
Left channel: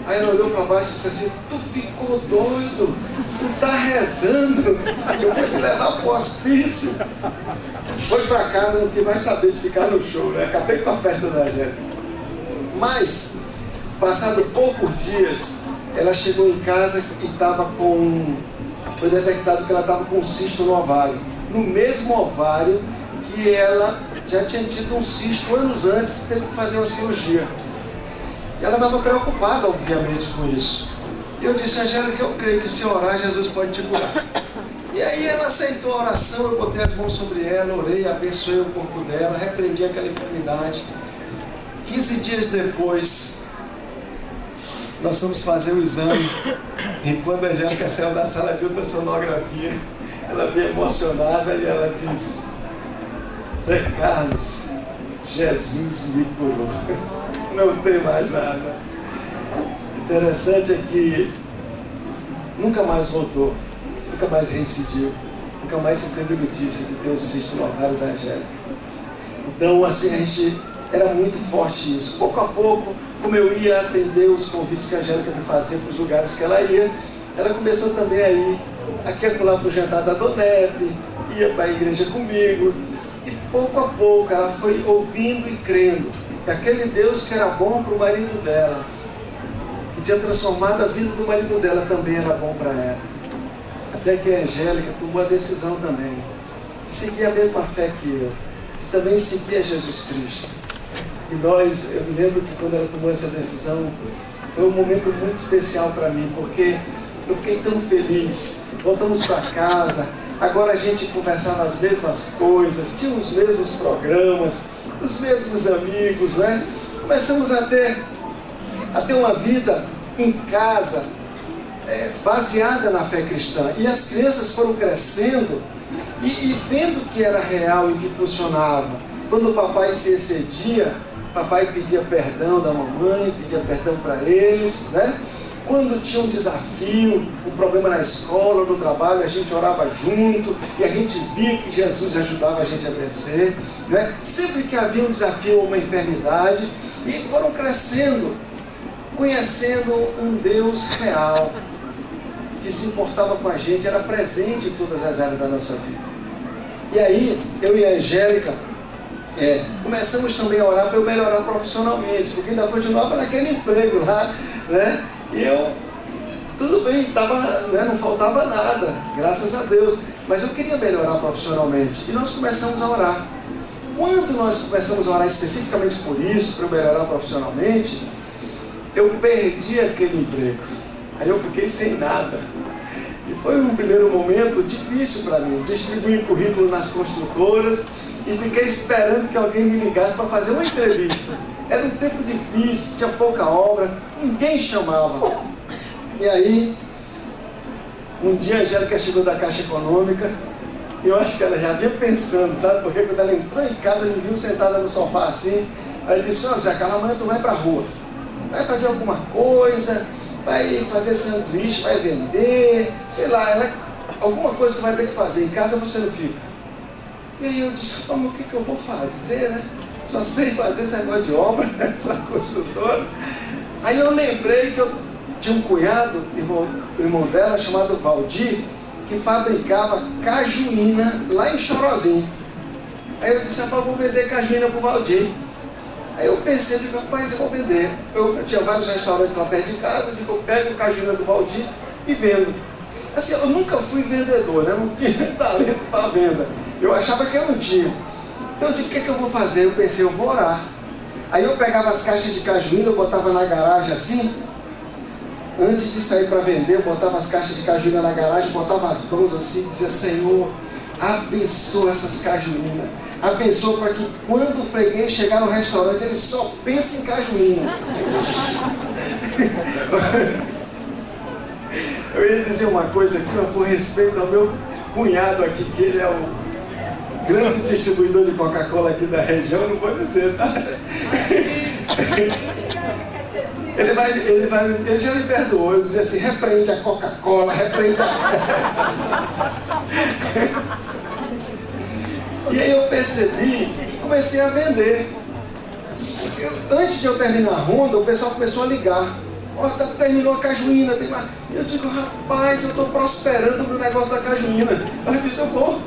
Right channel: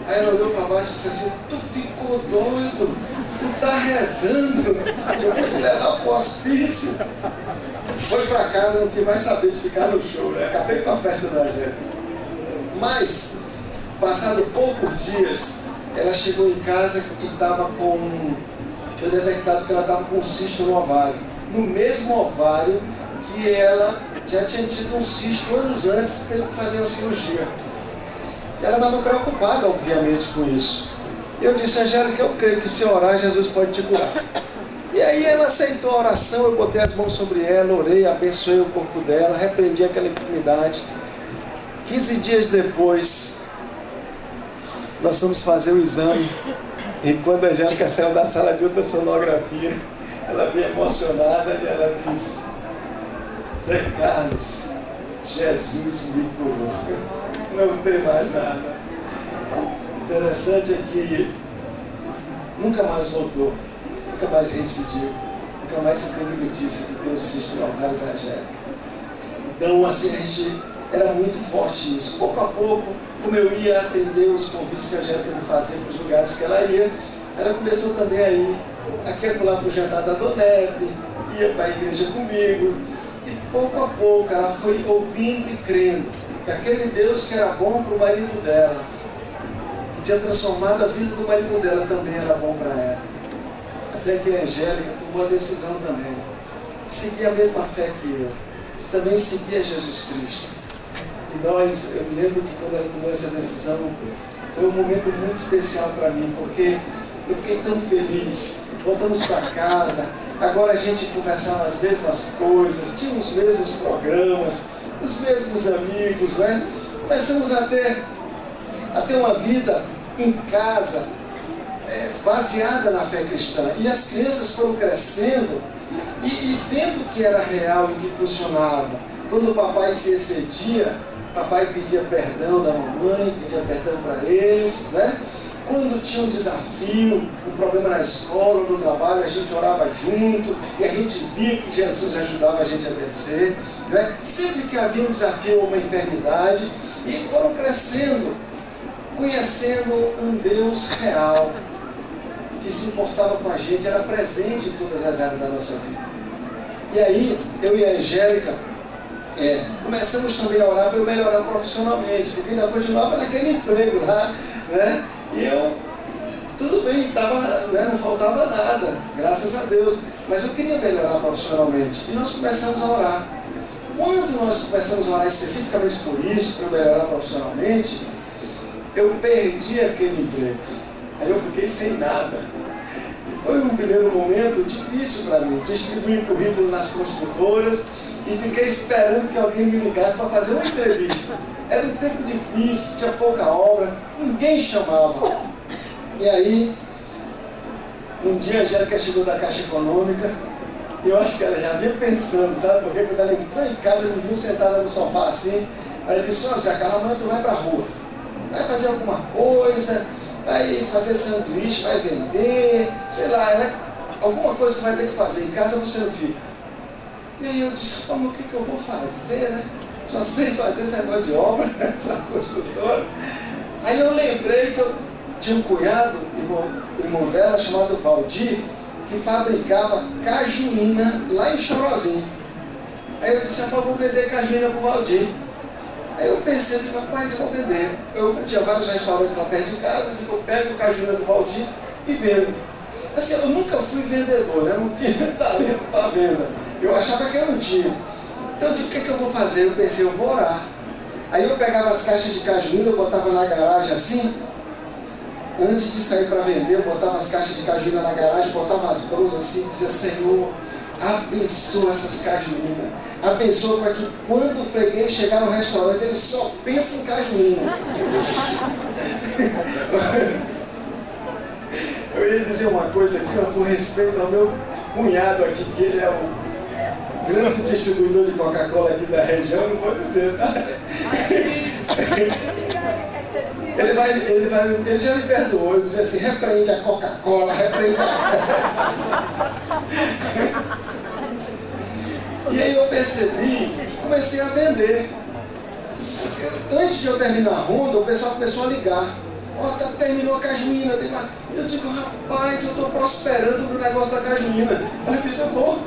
Aí ela olhou para baixo e disse assim, tu ficou doido, tu tá rezando, eu vou te levar para o hospício. Foi para casa, não quis mais saber de ficar no show, né? Acabei com a festa da Angélica. Mas, passado poucos dias, ela chegou em casa e estava com... Foi detectado que ela estava com um cisto no ovário. No mesmo ovário que ela já tinha tido um cisto anos antes, teve que fazer uma cirurgia. E ela estava preocupada, obviamente, com isso. E eu disse, Angélica, eu creio que se orar, Jesus pode te curar. E aí ela aceitou a oração, eu botei as mãos sobre ela, orei, abençoei o corpo dela, repreendi aquela enfermidade. 15 dias depois, nós fomos fazer o exame. E quando a Angélica saiu da sala de ultrassonografia, ela veio emocionada e ela disse, Zé Carlos, Jesus me curou. Não tem mais nada. Interessante é que nunca mais voltou, nunca mais reincidiu, nunca mais se teve notícia de ter um cisto no ovário da Angélica. Então, assim, a gente era muito forte isso. Pouco a pouco, como eu ia atender os convites que a Angélica me fazia para os lugares que ela ia, ela começou também a ir aqui a pular para o jantar da Donep, ia para a igreja comigo, e pouco a pouco ela foi ouvindo e crendo que aquele Deus que era bom para o marido dela, que tinha transformado a vida do marido dela, também era bom para ela. Até que a Angélica tomou a decisão também de seguir a mesma fé que eu, de também seguir a Jesus Cristo. E eu me lembro que quando ela tomou essa decisão, foi um momento muito especial para mim, porque eu fiquei tão feliz. Voltamos para casa, agora a gente conversava as mesmas coisas, tinha os mesmos programas, os mesmos amigos, né? Começamos a ter uma vida em casa, baseada na fé cristã. E as crianças foram crescendo e vendo que era real e que funcionava. Quando o papai se excedia, papai pedia perdão da mamãe, pedia perdão para eles, né? Quando tinha um desafio, um problema na escola, no trabalho, a gente orava junto e a gente via que Jesus ajudava a gente a vencer, né? Sempre que havia um desafio ou uma enfermidade, e foram crescendo, conhecendo um Deus real, que se importava com a gente, era presente em todas as áreas da nossa vida. E aí, eu e a Angélica, começamos também a orar para eu melhorar profissionalmente, porque ainda continuava naquele emprego lá, né? E eu, tudo bem, não faltava nada, graças a Deus, mas eu queria melhorar profissionalmente. E nós começamos a orar. Quando nós começamos a orar especificamente por isso, para eu melhorar profissionalmente, eu perdi aquele emprego. Aí eu fiquei sem nada. E foi um primeiro momento difícil para mim. Distribuí currículo nas construtoras e fiquei esperando que alguém me ligasse para fazer uma entrevista. Era um tempo difícil, tinha pouca obra, ninguém chamava. E aí, um dia a Angélica chegou da Caixa Econômica, e eu acho que ela já vinha pensando, sabe? Porque quando ela entrou em casa, me viu sentada no sofá assim, ela disse, ó Zé, amanhã tu vai pra rua, vai fazer alguma coisa, vai fazer sanduíche, vai vender, sei lá, alguma coisa tu vai ter que fazer, em casa você não fica. E aí eu disse, mas o que eu vou fazer, né? Só sei fazer esse negócio de obra, essa construtora. Aí eu lembrei que eu tinha um cunhado, o irmão dela, chamado Valdir, que fabricava cajuína lá em Chorozinho. Aí eu disse, rapaz, eu vou vender cajuína pro Valdir. Aí eu pensei, rapaz, eu vou vender. Eu tinha vários restaurantes lá perto de casa, eu pego a cajuína do Valdir e vendo. Assim, eu nunca fui vendedor, né? Não tinha talento para venda. Eu achava que eu não tinha. Então eu disse, o que eu vou fazer? Eu pensei, eu vou orar. Aí eu pegava as caixas de cajuína, eu botava na garagem assim. Antes de sair para vender, eu botava as caixas de cajuína na garagem, botava as mãos assim e dizia, Senhor, abençoa essas cajuínas. Abençoa para que quando o freguês chegar no restaurante, ele só pense em cajuína. Eu ia dizer uma coisa aqui, mas por respeito ao meu cunhado aqui, que ele é o grande distribuidor de Coca-Cola aqui da região, não vou dizer, tá? Ele já me perdoou. Eu dizia assim, repreende a Coca-Cola, repreende a... E aí eu percebi que comecei a vender. Antes de eu terminar a ronda, o pessoal começou a ligar. Ó, terminou a cajuína. Eu digo, rapaz, eu estou prosperando no negócio da cajuína. Eu disse, eu vou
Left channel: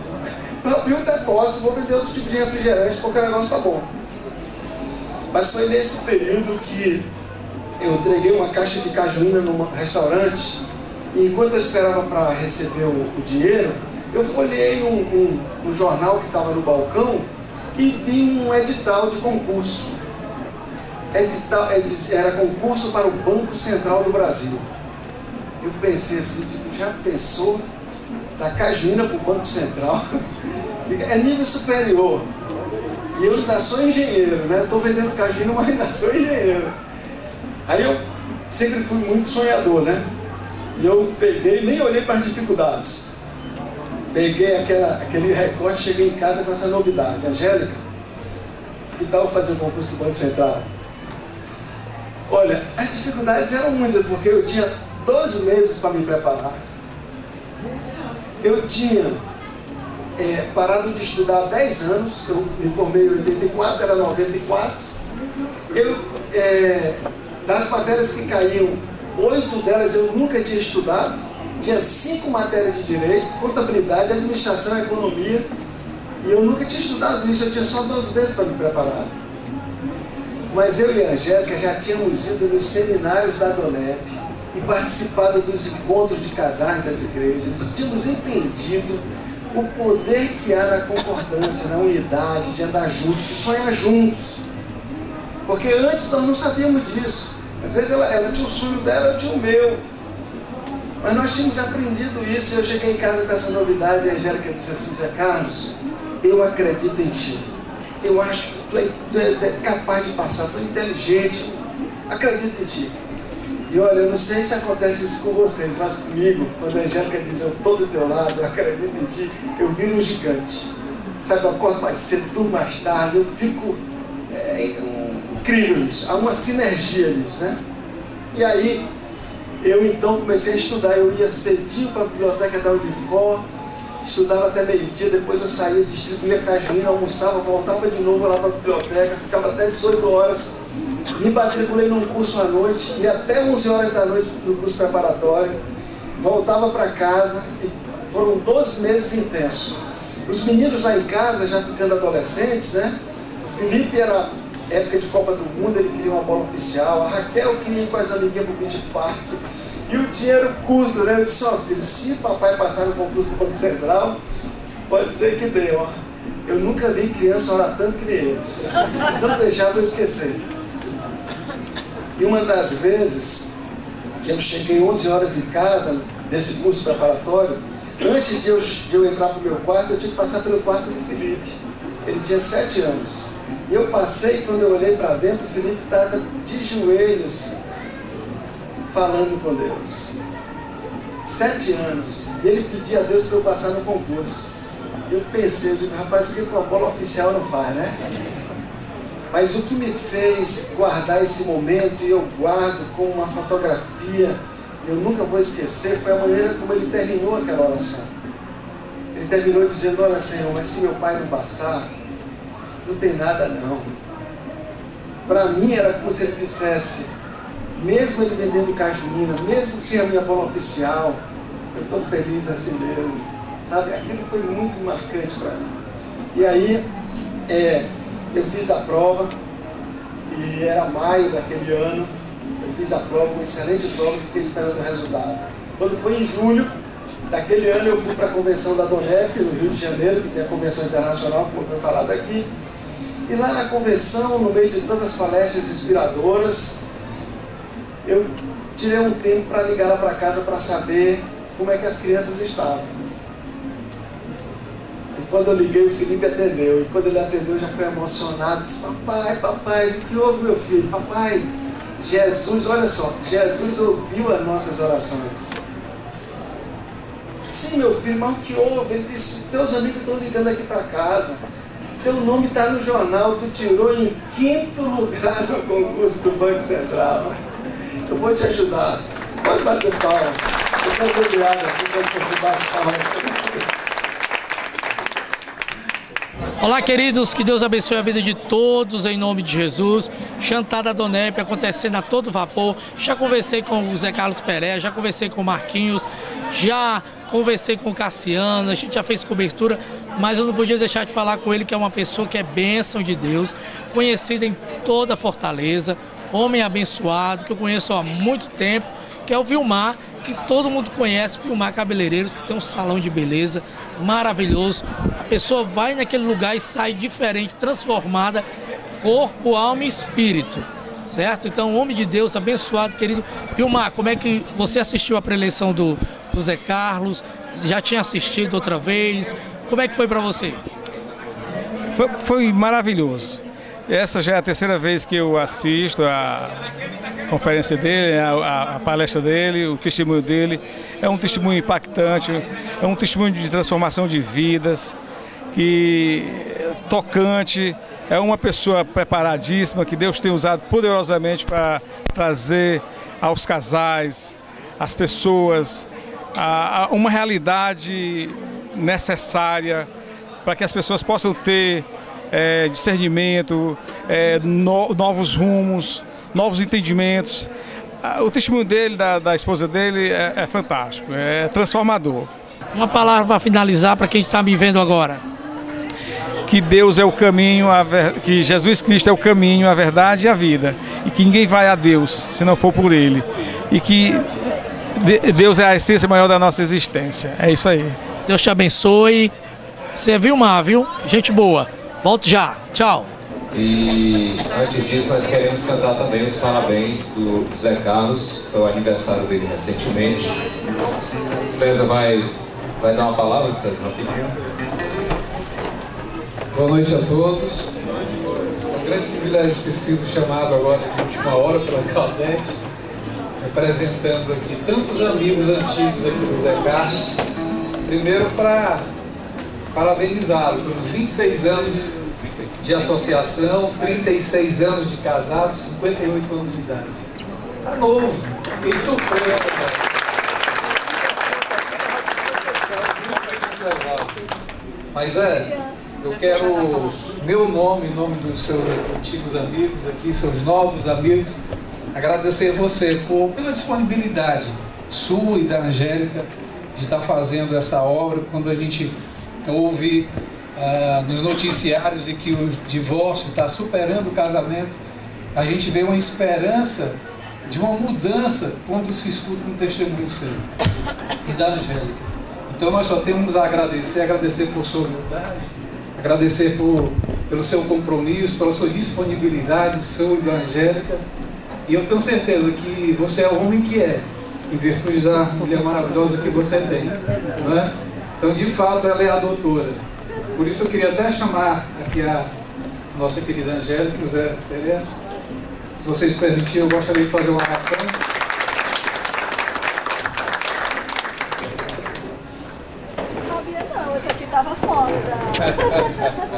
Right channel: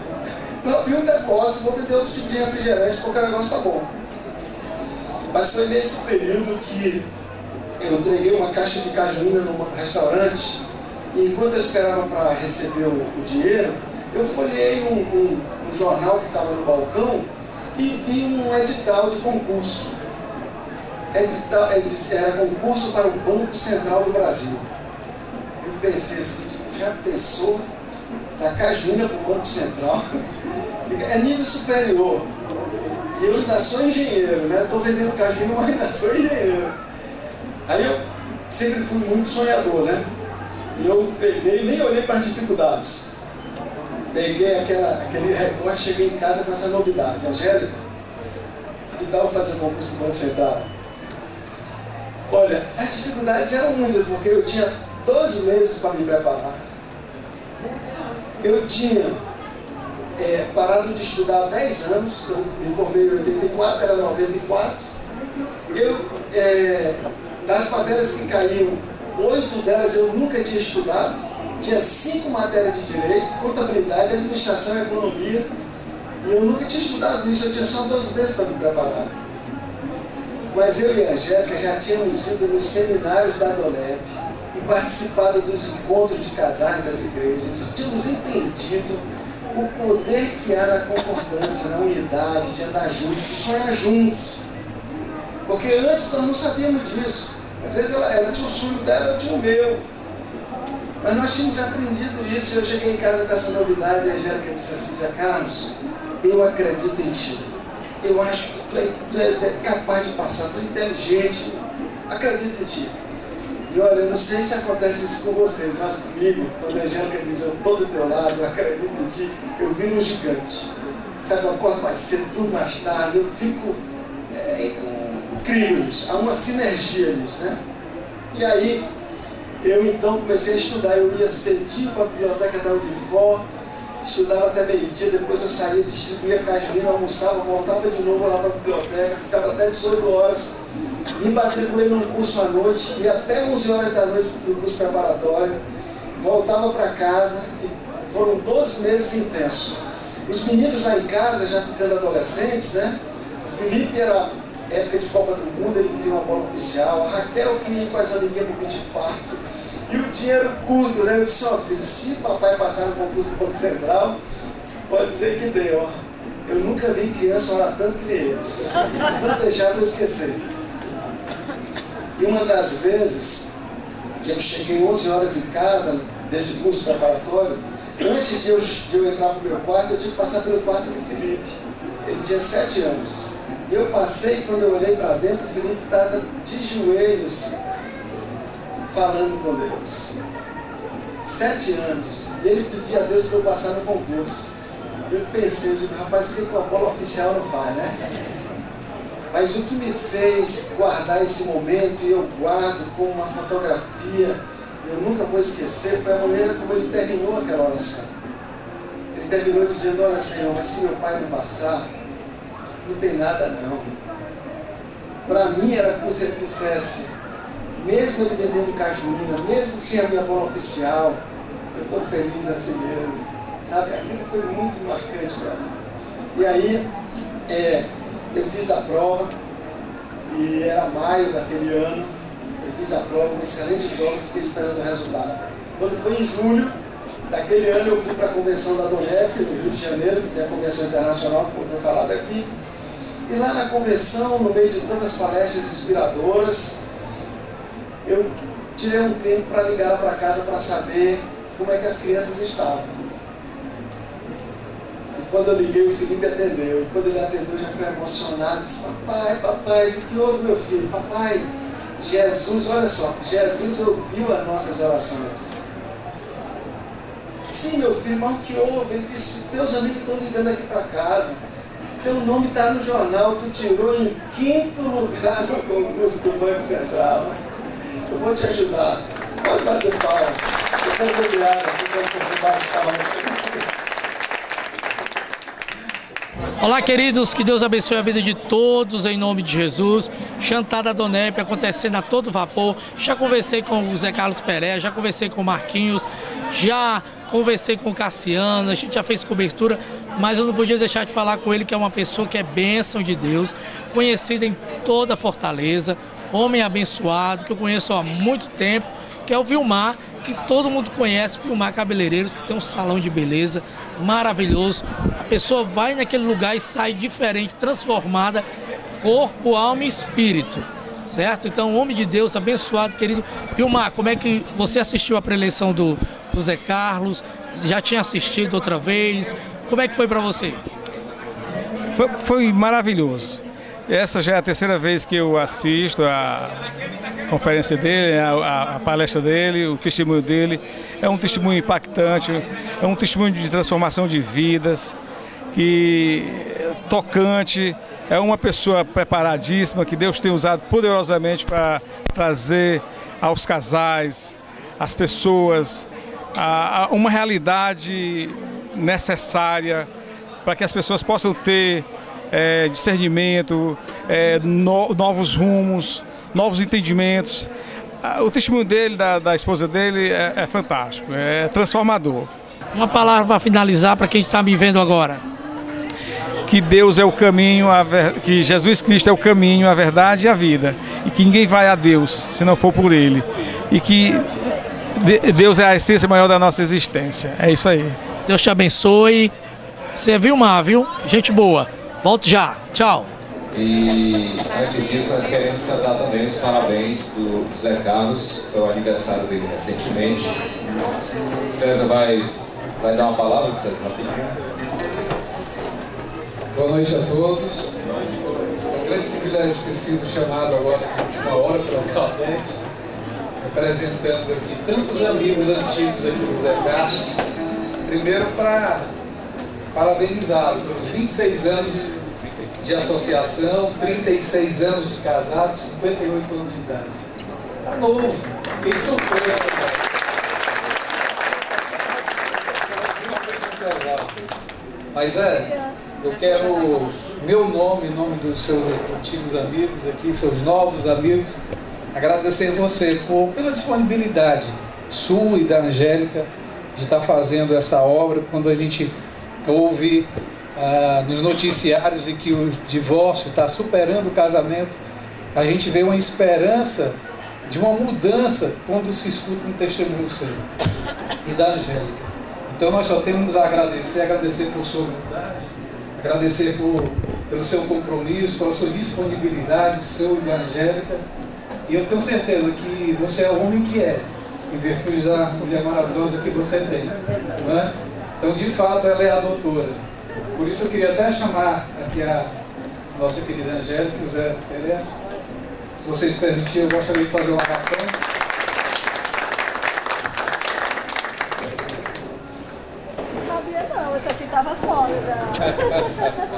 abrir um depósito, vou vender outro tipo de refrigerante, porque o negócio está bom. Mas foi nesse período que eu entreguei uma caixa de cajuína num restaurante, e enquanto eu esperava para receber o dinheiro, eu folhei um jornal que estava no balcão e vi um edital de concurso. Era concurso para o Banco Central do Brasil. Eu pensei assim, já pensou? Da cajuína para o Banco Central? É nível superior. E eu ainda sou engenheiro, né? Estou vendendo cajuína, mas ainda sou engenheiro. Aí eu sempre fui muito sonhador, né? E eu peguei, nem olhei para as dificuldades. Peguei aquele recorte, cheguei em casa com essa novidade. Angélica, que tal fazer o concurso do Banco Central? Olha, as dificuldades eram muitas, porque eu tinha 12 meses para me preparar. Eu tinha parado de estudar há 10 anos, eu me formei em 84, era 94. Das matérias que caíam, 8 delas eu nunca tinha estudado. Tinha 5 matérias de direito, contabilidade, administração e economia. E eu nunca tinha estudado isso, eu tinha só 12 meses para me preparar. Mas eu e a Angélica já tínhamos ido nos seminários da DONEP e participado dos encontros de casais das igrejas. Tínhamos entendido o poder que há na concordância, na unidade, de andar juntos, de sonhar juntos. Porque antes nós não sabíamos disso. Às vezes ela tinha o sonho dela, eu tinha o meu. Mas nós tínhamos aprendido isso. E eu cheguei em casa com essa novidade e a Angélica disse assim, Zé Carlos, eu acredito em ti. Eu acho que tu é capaz de passar, tu é inteligente. Acredito em ti. E olha, eu não sei se acontece isso com vocês, mas comigo, quando a Angélica diz, eu estou do teu lado, eu acredito em ti, eu viro um gigante. Sabe, eu acordo mais cedo, durmo mais tarde, eu fico... incrível isso, há uma sinergia nisso, né? E aí, eu então comecei a estudar, eu ia cedinho para a biblioteca da Unifor, estudava até meio-dia, depois eu saía, distribuía cajuína, almoçava, voltava de novo lá para a biblioteca, ficava até 18 horas, me matriculei num curso à noite, ia até 11 horas da noite no curso preparatório, voltava para casa, e foram 12 meses intensos. Os meninos lá em casa, já ficando adolescentes, né? O Felipe era época de Copa do Mundo, ele queria uma bola oficial, a Raquel queria ir com as amiguinhas para o Beach Park, e o dinheiro curto, né? Eu disse, ó filho, se papai passar no concurso do Banco Central, pode ser que dê, ó. Eu nunca vi criança orar tanto que nem eles. Não deixava eu esquecer. E uma das vezes que eu cheguei 11 horas em casa, desse curso preparatório, antes de eu entrar para o meu quarto, eu tinha que passar pelo quarto do Felipe. Ele tinha 7 anos. E eu passei, e quando eu olhei para dentro, o Felipe estava de joelhos, falando com Deus. 7 anos. E ele pedia a Deus para eu passar no concurso. Eu pensei, eu digo, rapaz, o que uma bola oficial não faz, né? Mas o que me fez guardar esse momento, e eu guardo como uma fotografia, eu nunca vou esquecer, foi a maneira como ele terminou aquela oração. Ele terminou dizendo, olha Senhor, mas se meu pai não passar, não tem nada não. Para mim era como se ele dissesse, mesmo ele vendendo cajuína, mesmo sem a minha bola oficial, eu estou feliz assim mesmo. Sabe, aquilo foi muito marcante para mim. E aí, eu fiz a prova, e era maio daquele ano, eu fiz a prova, uma excelente prova, e fiquei esperando o resultado. Quando foi em julho, Naquele ano eu fui para a convenção da DONEP, no Rio de Janeiro, que tem a convenção internacional, como foi falado aqui. E lá na convenção, no meio de tantas palestras inspiradoras, eu tirei um tempo para ligar lá para casa para saber como é que as crianças estavam. E quando eu liguei, o Felipe atendeu. E quando ele atendeu, eu já fui emocionado. Disse: papai, o que houve, meu filho? Papai, Jesus, olha só, Jesus ouviu as nossas orações. Sim, meu filho, mas o que houve? Ele disse: teus amigos estão ligando aqui para casa. Teu nome está no jornal, tu tirou em 5º lugar no concurso do Banco Central. Eu vou te ajudar. Pode bater palmas. Eu quero beber água aqui quando você bate palmas. Olá, queridos, que Deus abençoe a vida de todos em nome de Jesus. Jantar da DONEP acontecendo a todo vapor. Já conversei com o Zé Carlos Pereira, já conversei com o Marquinhos, já conversei com o Cassiano, a gente já fez cobertura, mas eu não podia deixar de falar com ele, que é uma pessoa que é bênção de Deus, conhecida em toda a Fortaleza, homem abençoado, que eu conheço há muito tempo, que é o Vilmar, que todo mundo conhece, Vilmar Cabeleireiros, que tem um salão de beleza maravilhoso. A pessoa vai naquele lugar e sai diferente, transformada, corpo, alma e espírito, certo? Então, homem de Deus, abençoado, querido. Vilmar, como é que você assistiu a preleção do Zé Carlos? Já tinha assistido outra vez? Como é que foi para você? Foi maravilhoso. Essa já é a 3ª vez que eu assisto a conferência dele, a palestra dele, o testemunho dele. É um testemunho impactante, é um testemunho de transformação de vidas, tocante. É uma pessoa preparadíssima que Deus tem usado poderosamente para trazer aos casais, às pessoas, uma realidade necessária para que as pessoas possam ter discernimento, novos rumos, novos entendimentos. O testemunho dele, da esposa dele, é fantástico, é transformador. Uma palavra para finalizar para quem está me vendo agora. Que Deus é o caminho, que Jesus Cristo é o caminho, a verdade e a vida. E que ninguém vai a Deus se não for por Ele. E que Deus é a essência maior da nossa existência. É isso aí. Deus te abençoe. Você é Vilmar, viu? Gente boa. Volte já. Tchau. E antes disso, nós queremos cantar também os parabéns do Zé Carlos, foi o aniversário dele recentemente. César vai dar uma palavra, César, rapidinho. Boa noite a todos. É um grande privilégio ter sido chamado agora de última hora pela Claudete, representando aqui tantos amigos antigos aqui do Zé Carlos. Primeiro para parabenizá-lo pelos 26 anos de associação, 36 anos de casado, 58 anos de idade. Tá novo, fiquei surpreso, cara. Mas eu quero, meu nome, em nome dos seus antigos amigos aqui, seus novos amigos, agradecer a você pela disponibilidade sua e da Angélica de estar fazendo essa obra. Quando a gente ouve nos noticiários de que o divórcio está superando o casamento, a gente vê uma esperança de uma mudança quando se escuta um testemunho seu e da Angélica. Então nós só temos a agradecer por sua humildade, agradecer pelo seu compromisso, pela sua disponibilidade, sua e da Angélica. E eu tenho certeza que você é o homem que é, em virtude da mulher maravilhosa que você tem, não é? Então, de fato, ela é a doutora. Por isso eu queria até chamar aqui a nossa querida Angélica e o Zé Pereira. Se vocês permitirem, eu gostaria de fazer uma oração. Não sabia não, esse aqui estava fora da programação.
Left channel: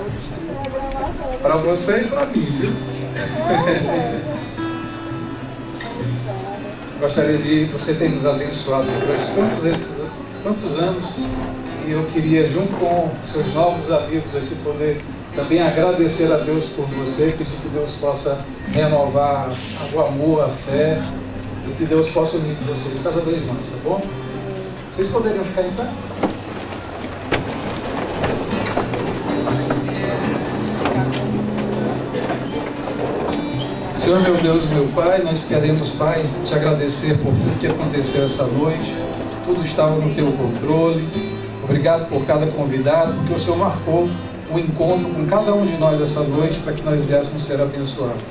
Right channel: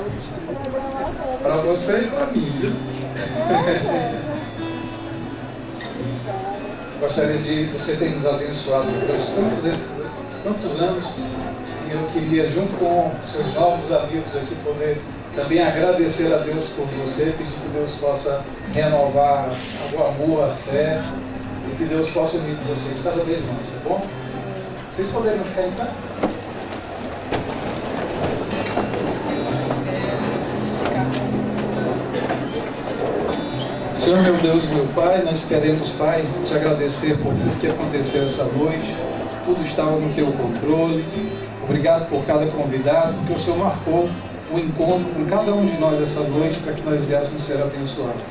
Para você e para mim, viu? Gostaria de você ter nos abençoado durante tantos anos. E eu queria, junto com seus novos amigos aqui, poder também agradecer a Deus por você, pedir que Deus possa renovar o amor, a fé, e que Deus possa unir vocês cada vez mais, tá bom? Vocês poderiam ficar em pé? Senhor, meu Deus, meu Pai, nós queremos, Pai, te agradecer por tudo que aconteceu essa noite. tudo estava no teu controle. Obrigado por cada convidado, porque o Senhor marcou o encontro com cada um de nós essa noite para que nós viéssemos ser abençoados.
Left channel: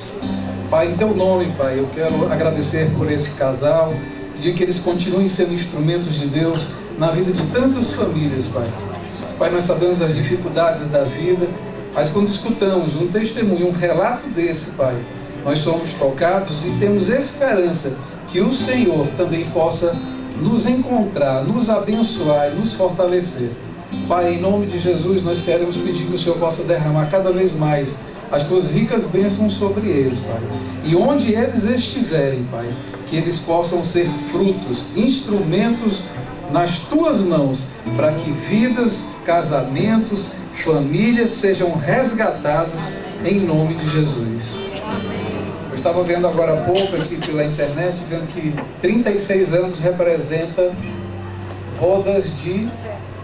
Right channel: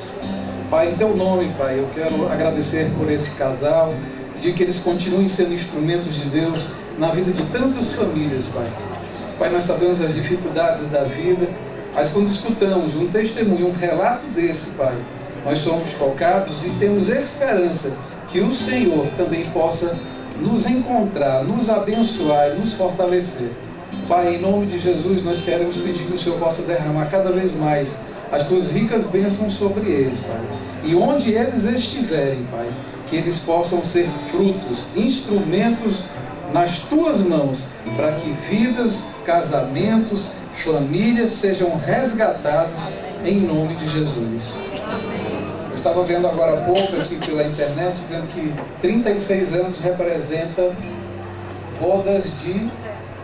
Pai, em teu nome, Pai, eu quero agradecer por esse casal, pedir que eles continuem sendo instrumentos de Deus na vida de tantas famílias, Pai. Pai, nós sabemos as dificuldades da vida, mas quando escutamos um testemunho, um relato desse, Pai, nós somos tocados e temos esperança que o Senhor também possa nos encontrar, nos abençoar e nos fortalecer. Pai, em nome de Jesus, nós queremos pedir que o Senhor possa derramar cada vez mais as tuas ricas bênçãos sobre eles, Pai. E onde eles estiverem, Pai, que eles possam ser frutos, instrumentos nas tuas mãos, para que vidas, casamentos, famílias sejam resgatados em nome de Jesus. Eu estava vendo agora há pouco aqui pela internet, vendo que 36 anos representa rodas de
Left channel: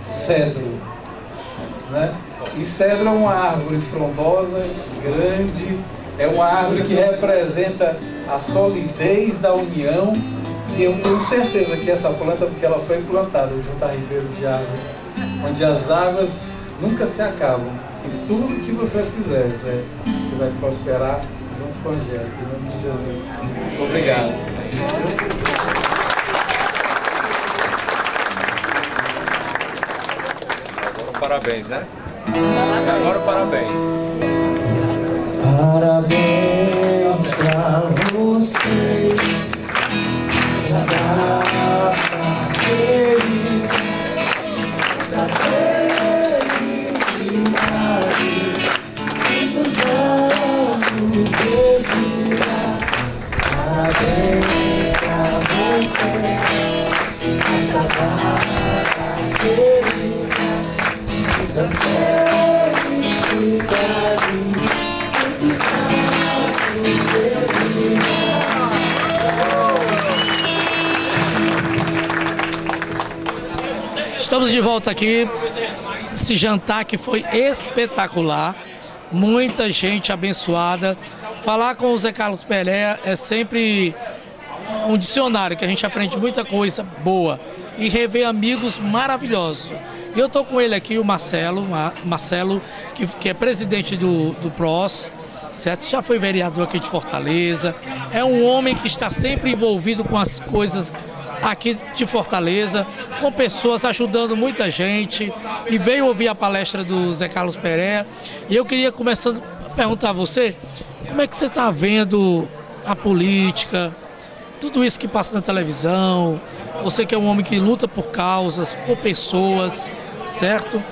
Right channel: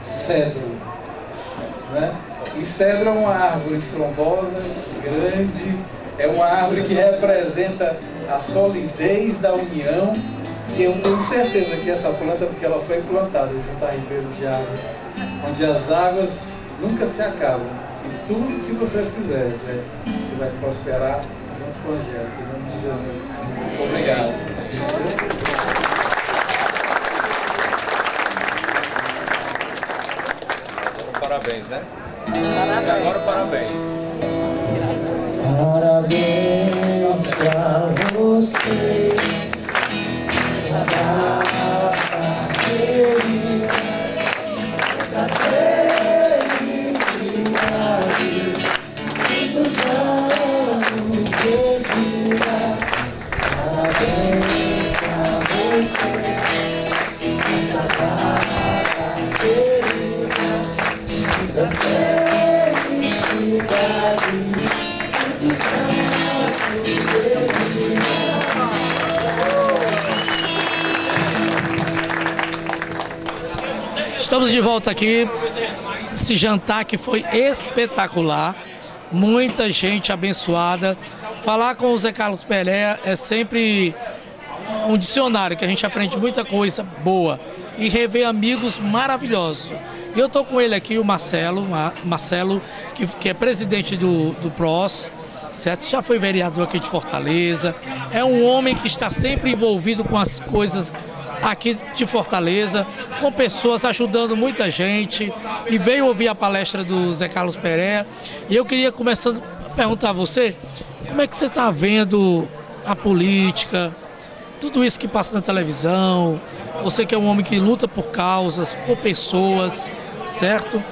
cedro, né? E cedro é uma árvore frondosa, grande, é uma árvore que representa a solidez da união, e eu tenho certeza que essa planta, porque ela foi plantada junto a ribeiro de água, onde as águas nunca se acabam, e tudo que você fizer, Zé, você vai prosperar junto com a Angélica, em nome de Jesus. Obrigado. Parabéns, né? Agora parabéns. Parabéns pra você, pra dar pra ele, da felicidade, muitos anos de vida. Parabéns pra você, essa data querida, da felicidade, muitos anos de vida. Estamos de volta aqui, esse jantar que foi espetacular, muita gente abençoada. Falar com o Zé Carlos Pereira é sempre um dicionário, que a gente aprende muita coisa boa e rever amigos maravilhosos. E eu estou com ele aqui, o Marcelo, que é presidente do PROS, certo? Já foi vereador aqui de Fortaleza, é um homem que está sempre envolvido com as coisas aqui de Fortaleza, com pessoas ajudando muita gente, e veio ouvir a palestra do Zé Carlos Pereira. E eu queria começando a perguntar a você, como é que você está vendo a política, tudo isso que passa na televisão? Você que é um homem que luta por causas, por pessoas, certo?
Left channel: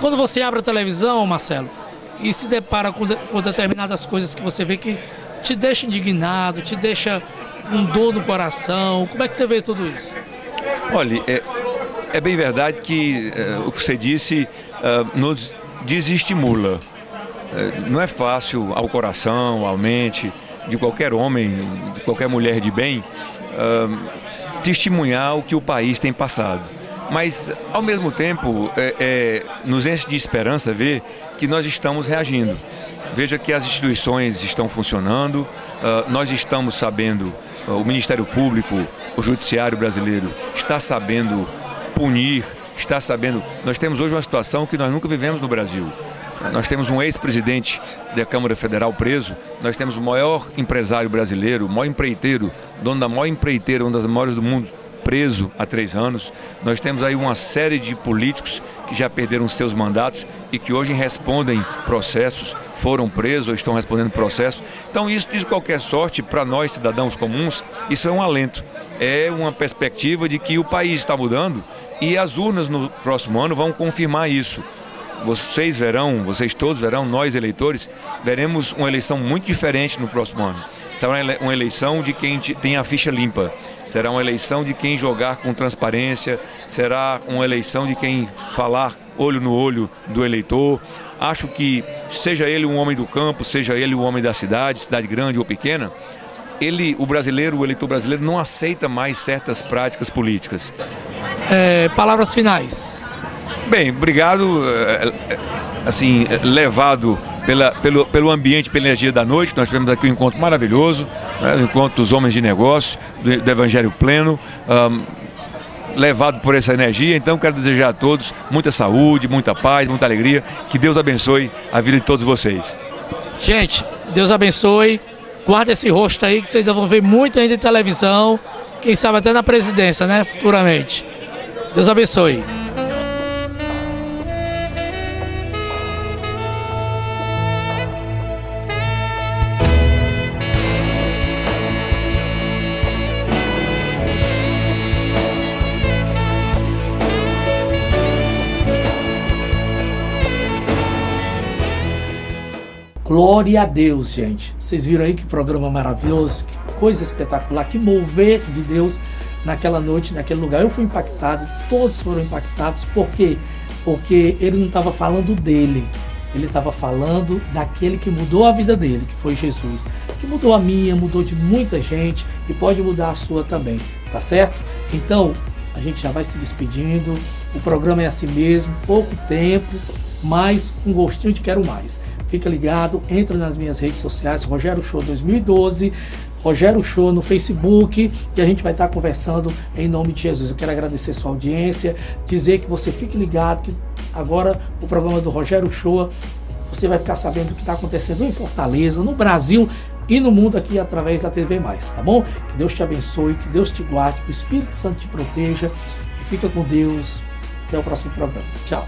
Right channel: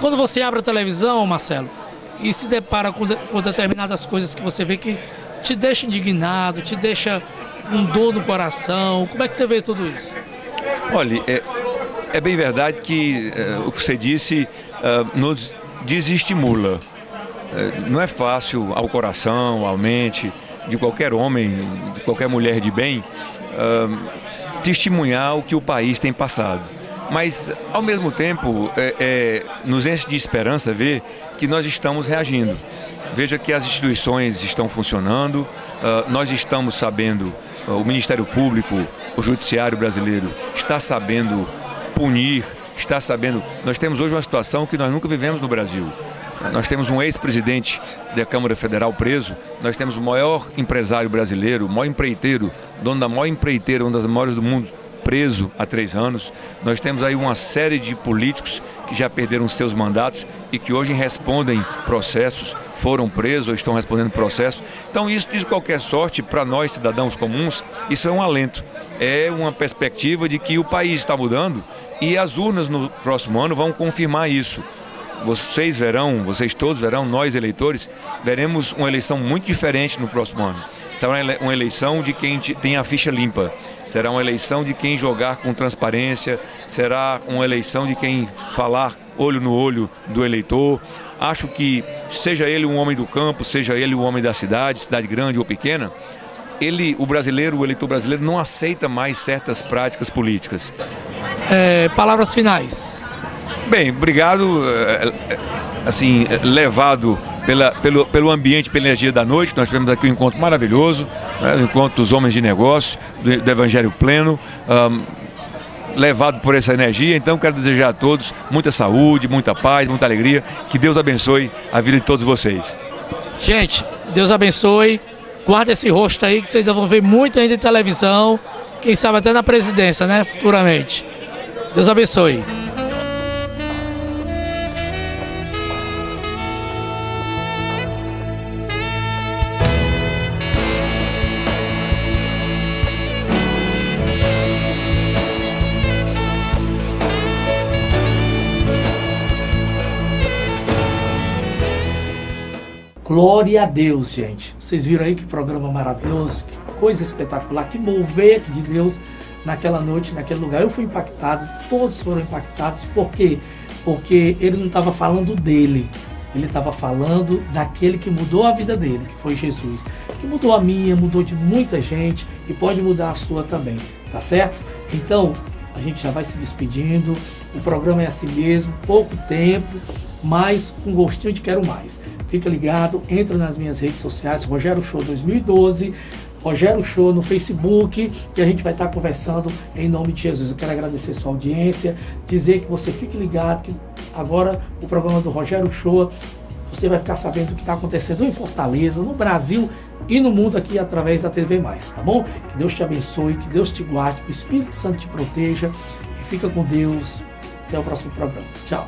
Quando você abre a televisão, Marcelo, e se depara com determinadas coisas que você vê que te deixa indignado, te deixa um dor no coração, como é que você vê tudo isso? Olha, é bem verdade que o que você disse nos desestimula. Não é fácil ao coração, à mente de qualquer homem, de qualquer mulher de bem, testemunhar o que o país tem passado. Mas, ao mesmo tempo, nos enche de esperança ver que nós estamos reagindo. Veja que as instituições estão funcionando, nós estamos sabendo, o Ministério Público, o Judiciário brasileiro está sabendo punir, está sabendo... Nós temos hoje uma situação que nós nunca vivemos no Brasil. Nós temos um ex-presidente da Câmara Federal preso, nós temos o maior empresário brasileiro, o maior empreiteiro, dono da maior empreiteira, uma das maiores do mundo, preso há 3 anos. Nós temos aí uma série de políticos que já perderam seus mandatos e que hoje respondem processos, foram presos ou estão respondendo processos. Então isso, de qualquer sorte, para nós cidadãos comuns, isso é um alento. É uma perspectiva de que o país está mudando e as urnas no próximo ano vão confirmar isso. Vocês todos verão, nós eleitores, veremos uma eleição muito diferente no próximo ano. Será uma eleição de quem tem a ficha limpa, será uma eleição de quem jogar com transparência, será uma eleição de quem falar olho no olho do eleitor. Acho que, seja ele um homem do campo, seja ele um homem da cidade grande ou pequena, o eleitor brasileiro não aceita mais certas práticas políticas. Palavras finais. Bem, obrigado, assim, levado pelo ambiente, pela energia da noite. Nós tivemos aqui um encontro maravilhoso, né, o encontro dos homens de negócio, do Evangelho Pleno. levado por essa energia. Então quero desejar a todos muita saúde, muita paz, muita alegria. Que Deus abençoe a vida de todos vocês. Gente, Deus abençoe. Guarda esse rosto aí que vocês ainda vão ver muito ainda em televisão. Quem sabe até na presidência, né? Futuramente. Deus abençoe. Glória a Deus, gente. Vocês viram aí que programa maravilhoso, que coisa espetacular, que mover de Deus naquela noite, naquele lugar. Eu fui impactado, todos foram impactados. Por quê? Porque ele não estava falando dele, ele estava falando daquele que mudou a vida dele, que foi Jesus. Que mudou a minha, mudou de muita gente e pode mudar a sua também, tá certo? Então, a gente já vai se despedindo. O programa é assim mesmo, pouco tempo, mas com gostinho de quero mais. Fica ligado, entra nas minhas redes sociais, Rogério Show 2012, Rogério Show no Facebook, e a gente vai estar conversando em nome de Jesus. Eu quero agradecer sua audiência, dizer que você fique ligado, que agora o programa do Rogério Show, você vai ficar sabendo o que está acontecendo em Fortaleza, no Brasil e no mundo aqui através da TV+, tá bom? Que Deus te abençoe, que Deus te guarde, que o Espírito Santo te proteja, e fica com Deus. Até o próximo programa. Tchau.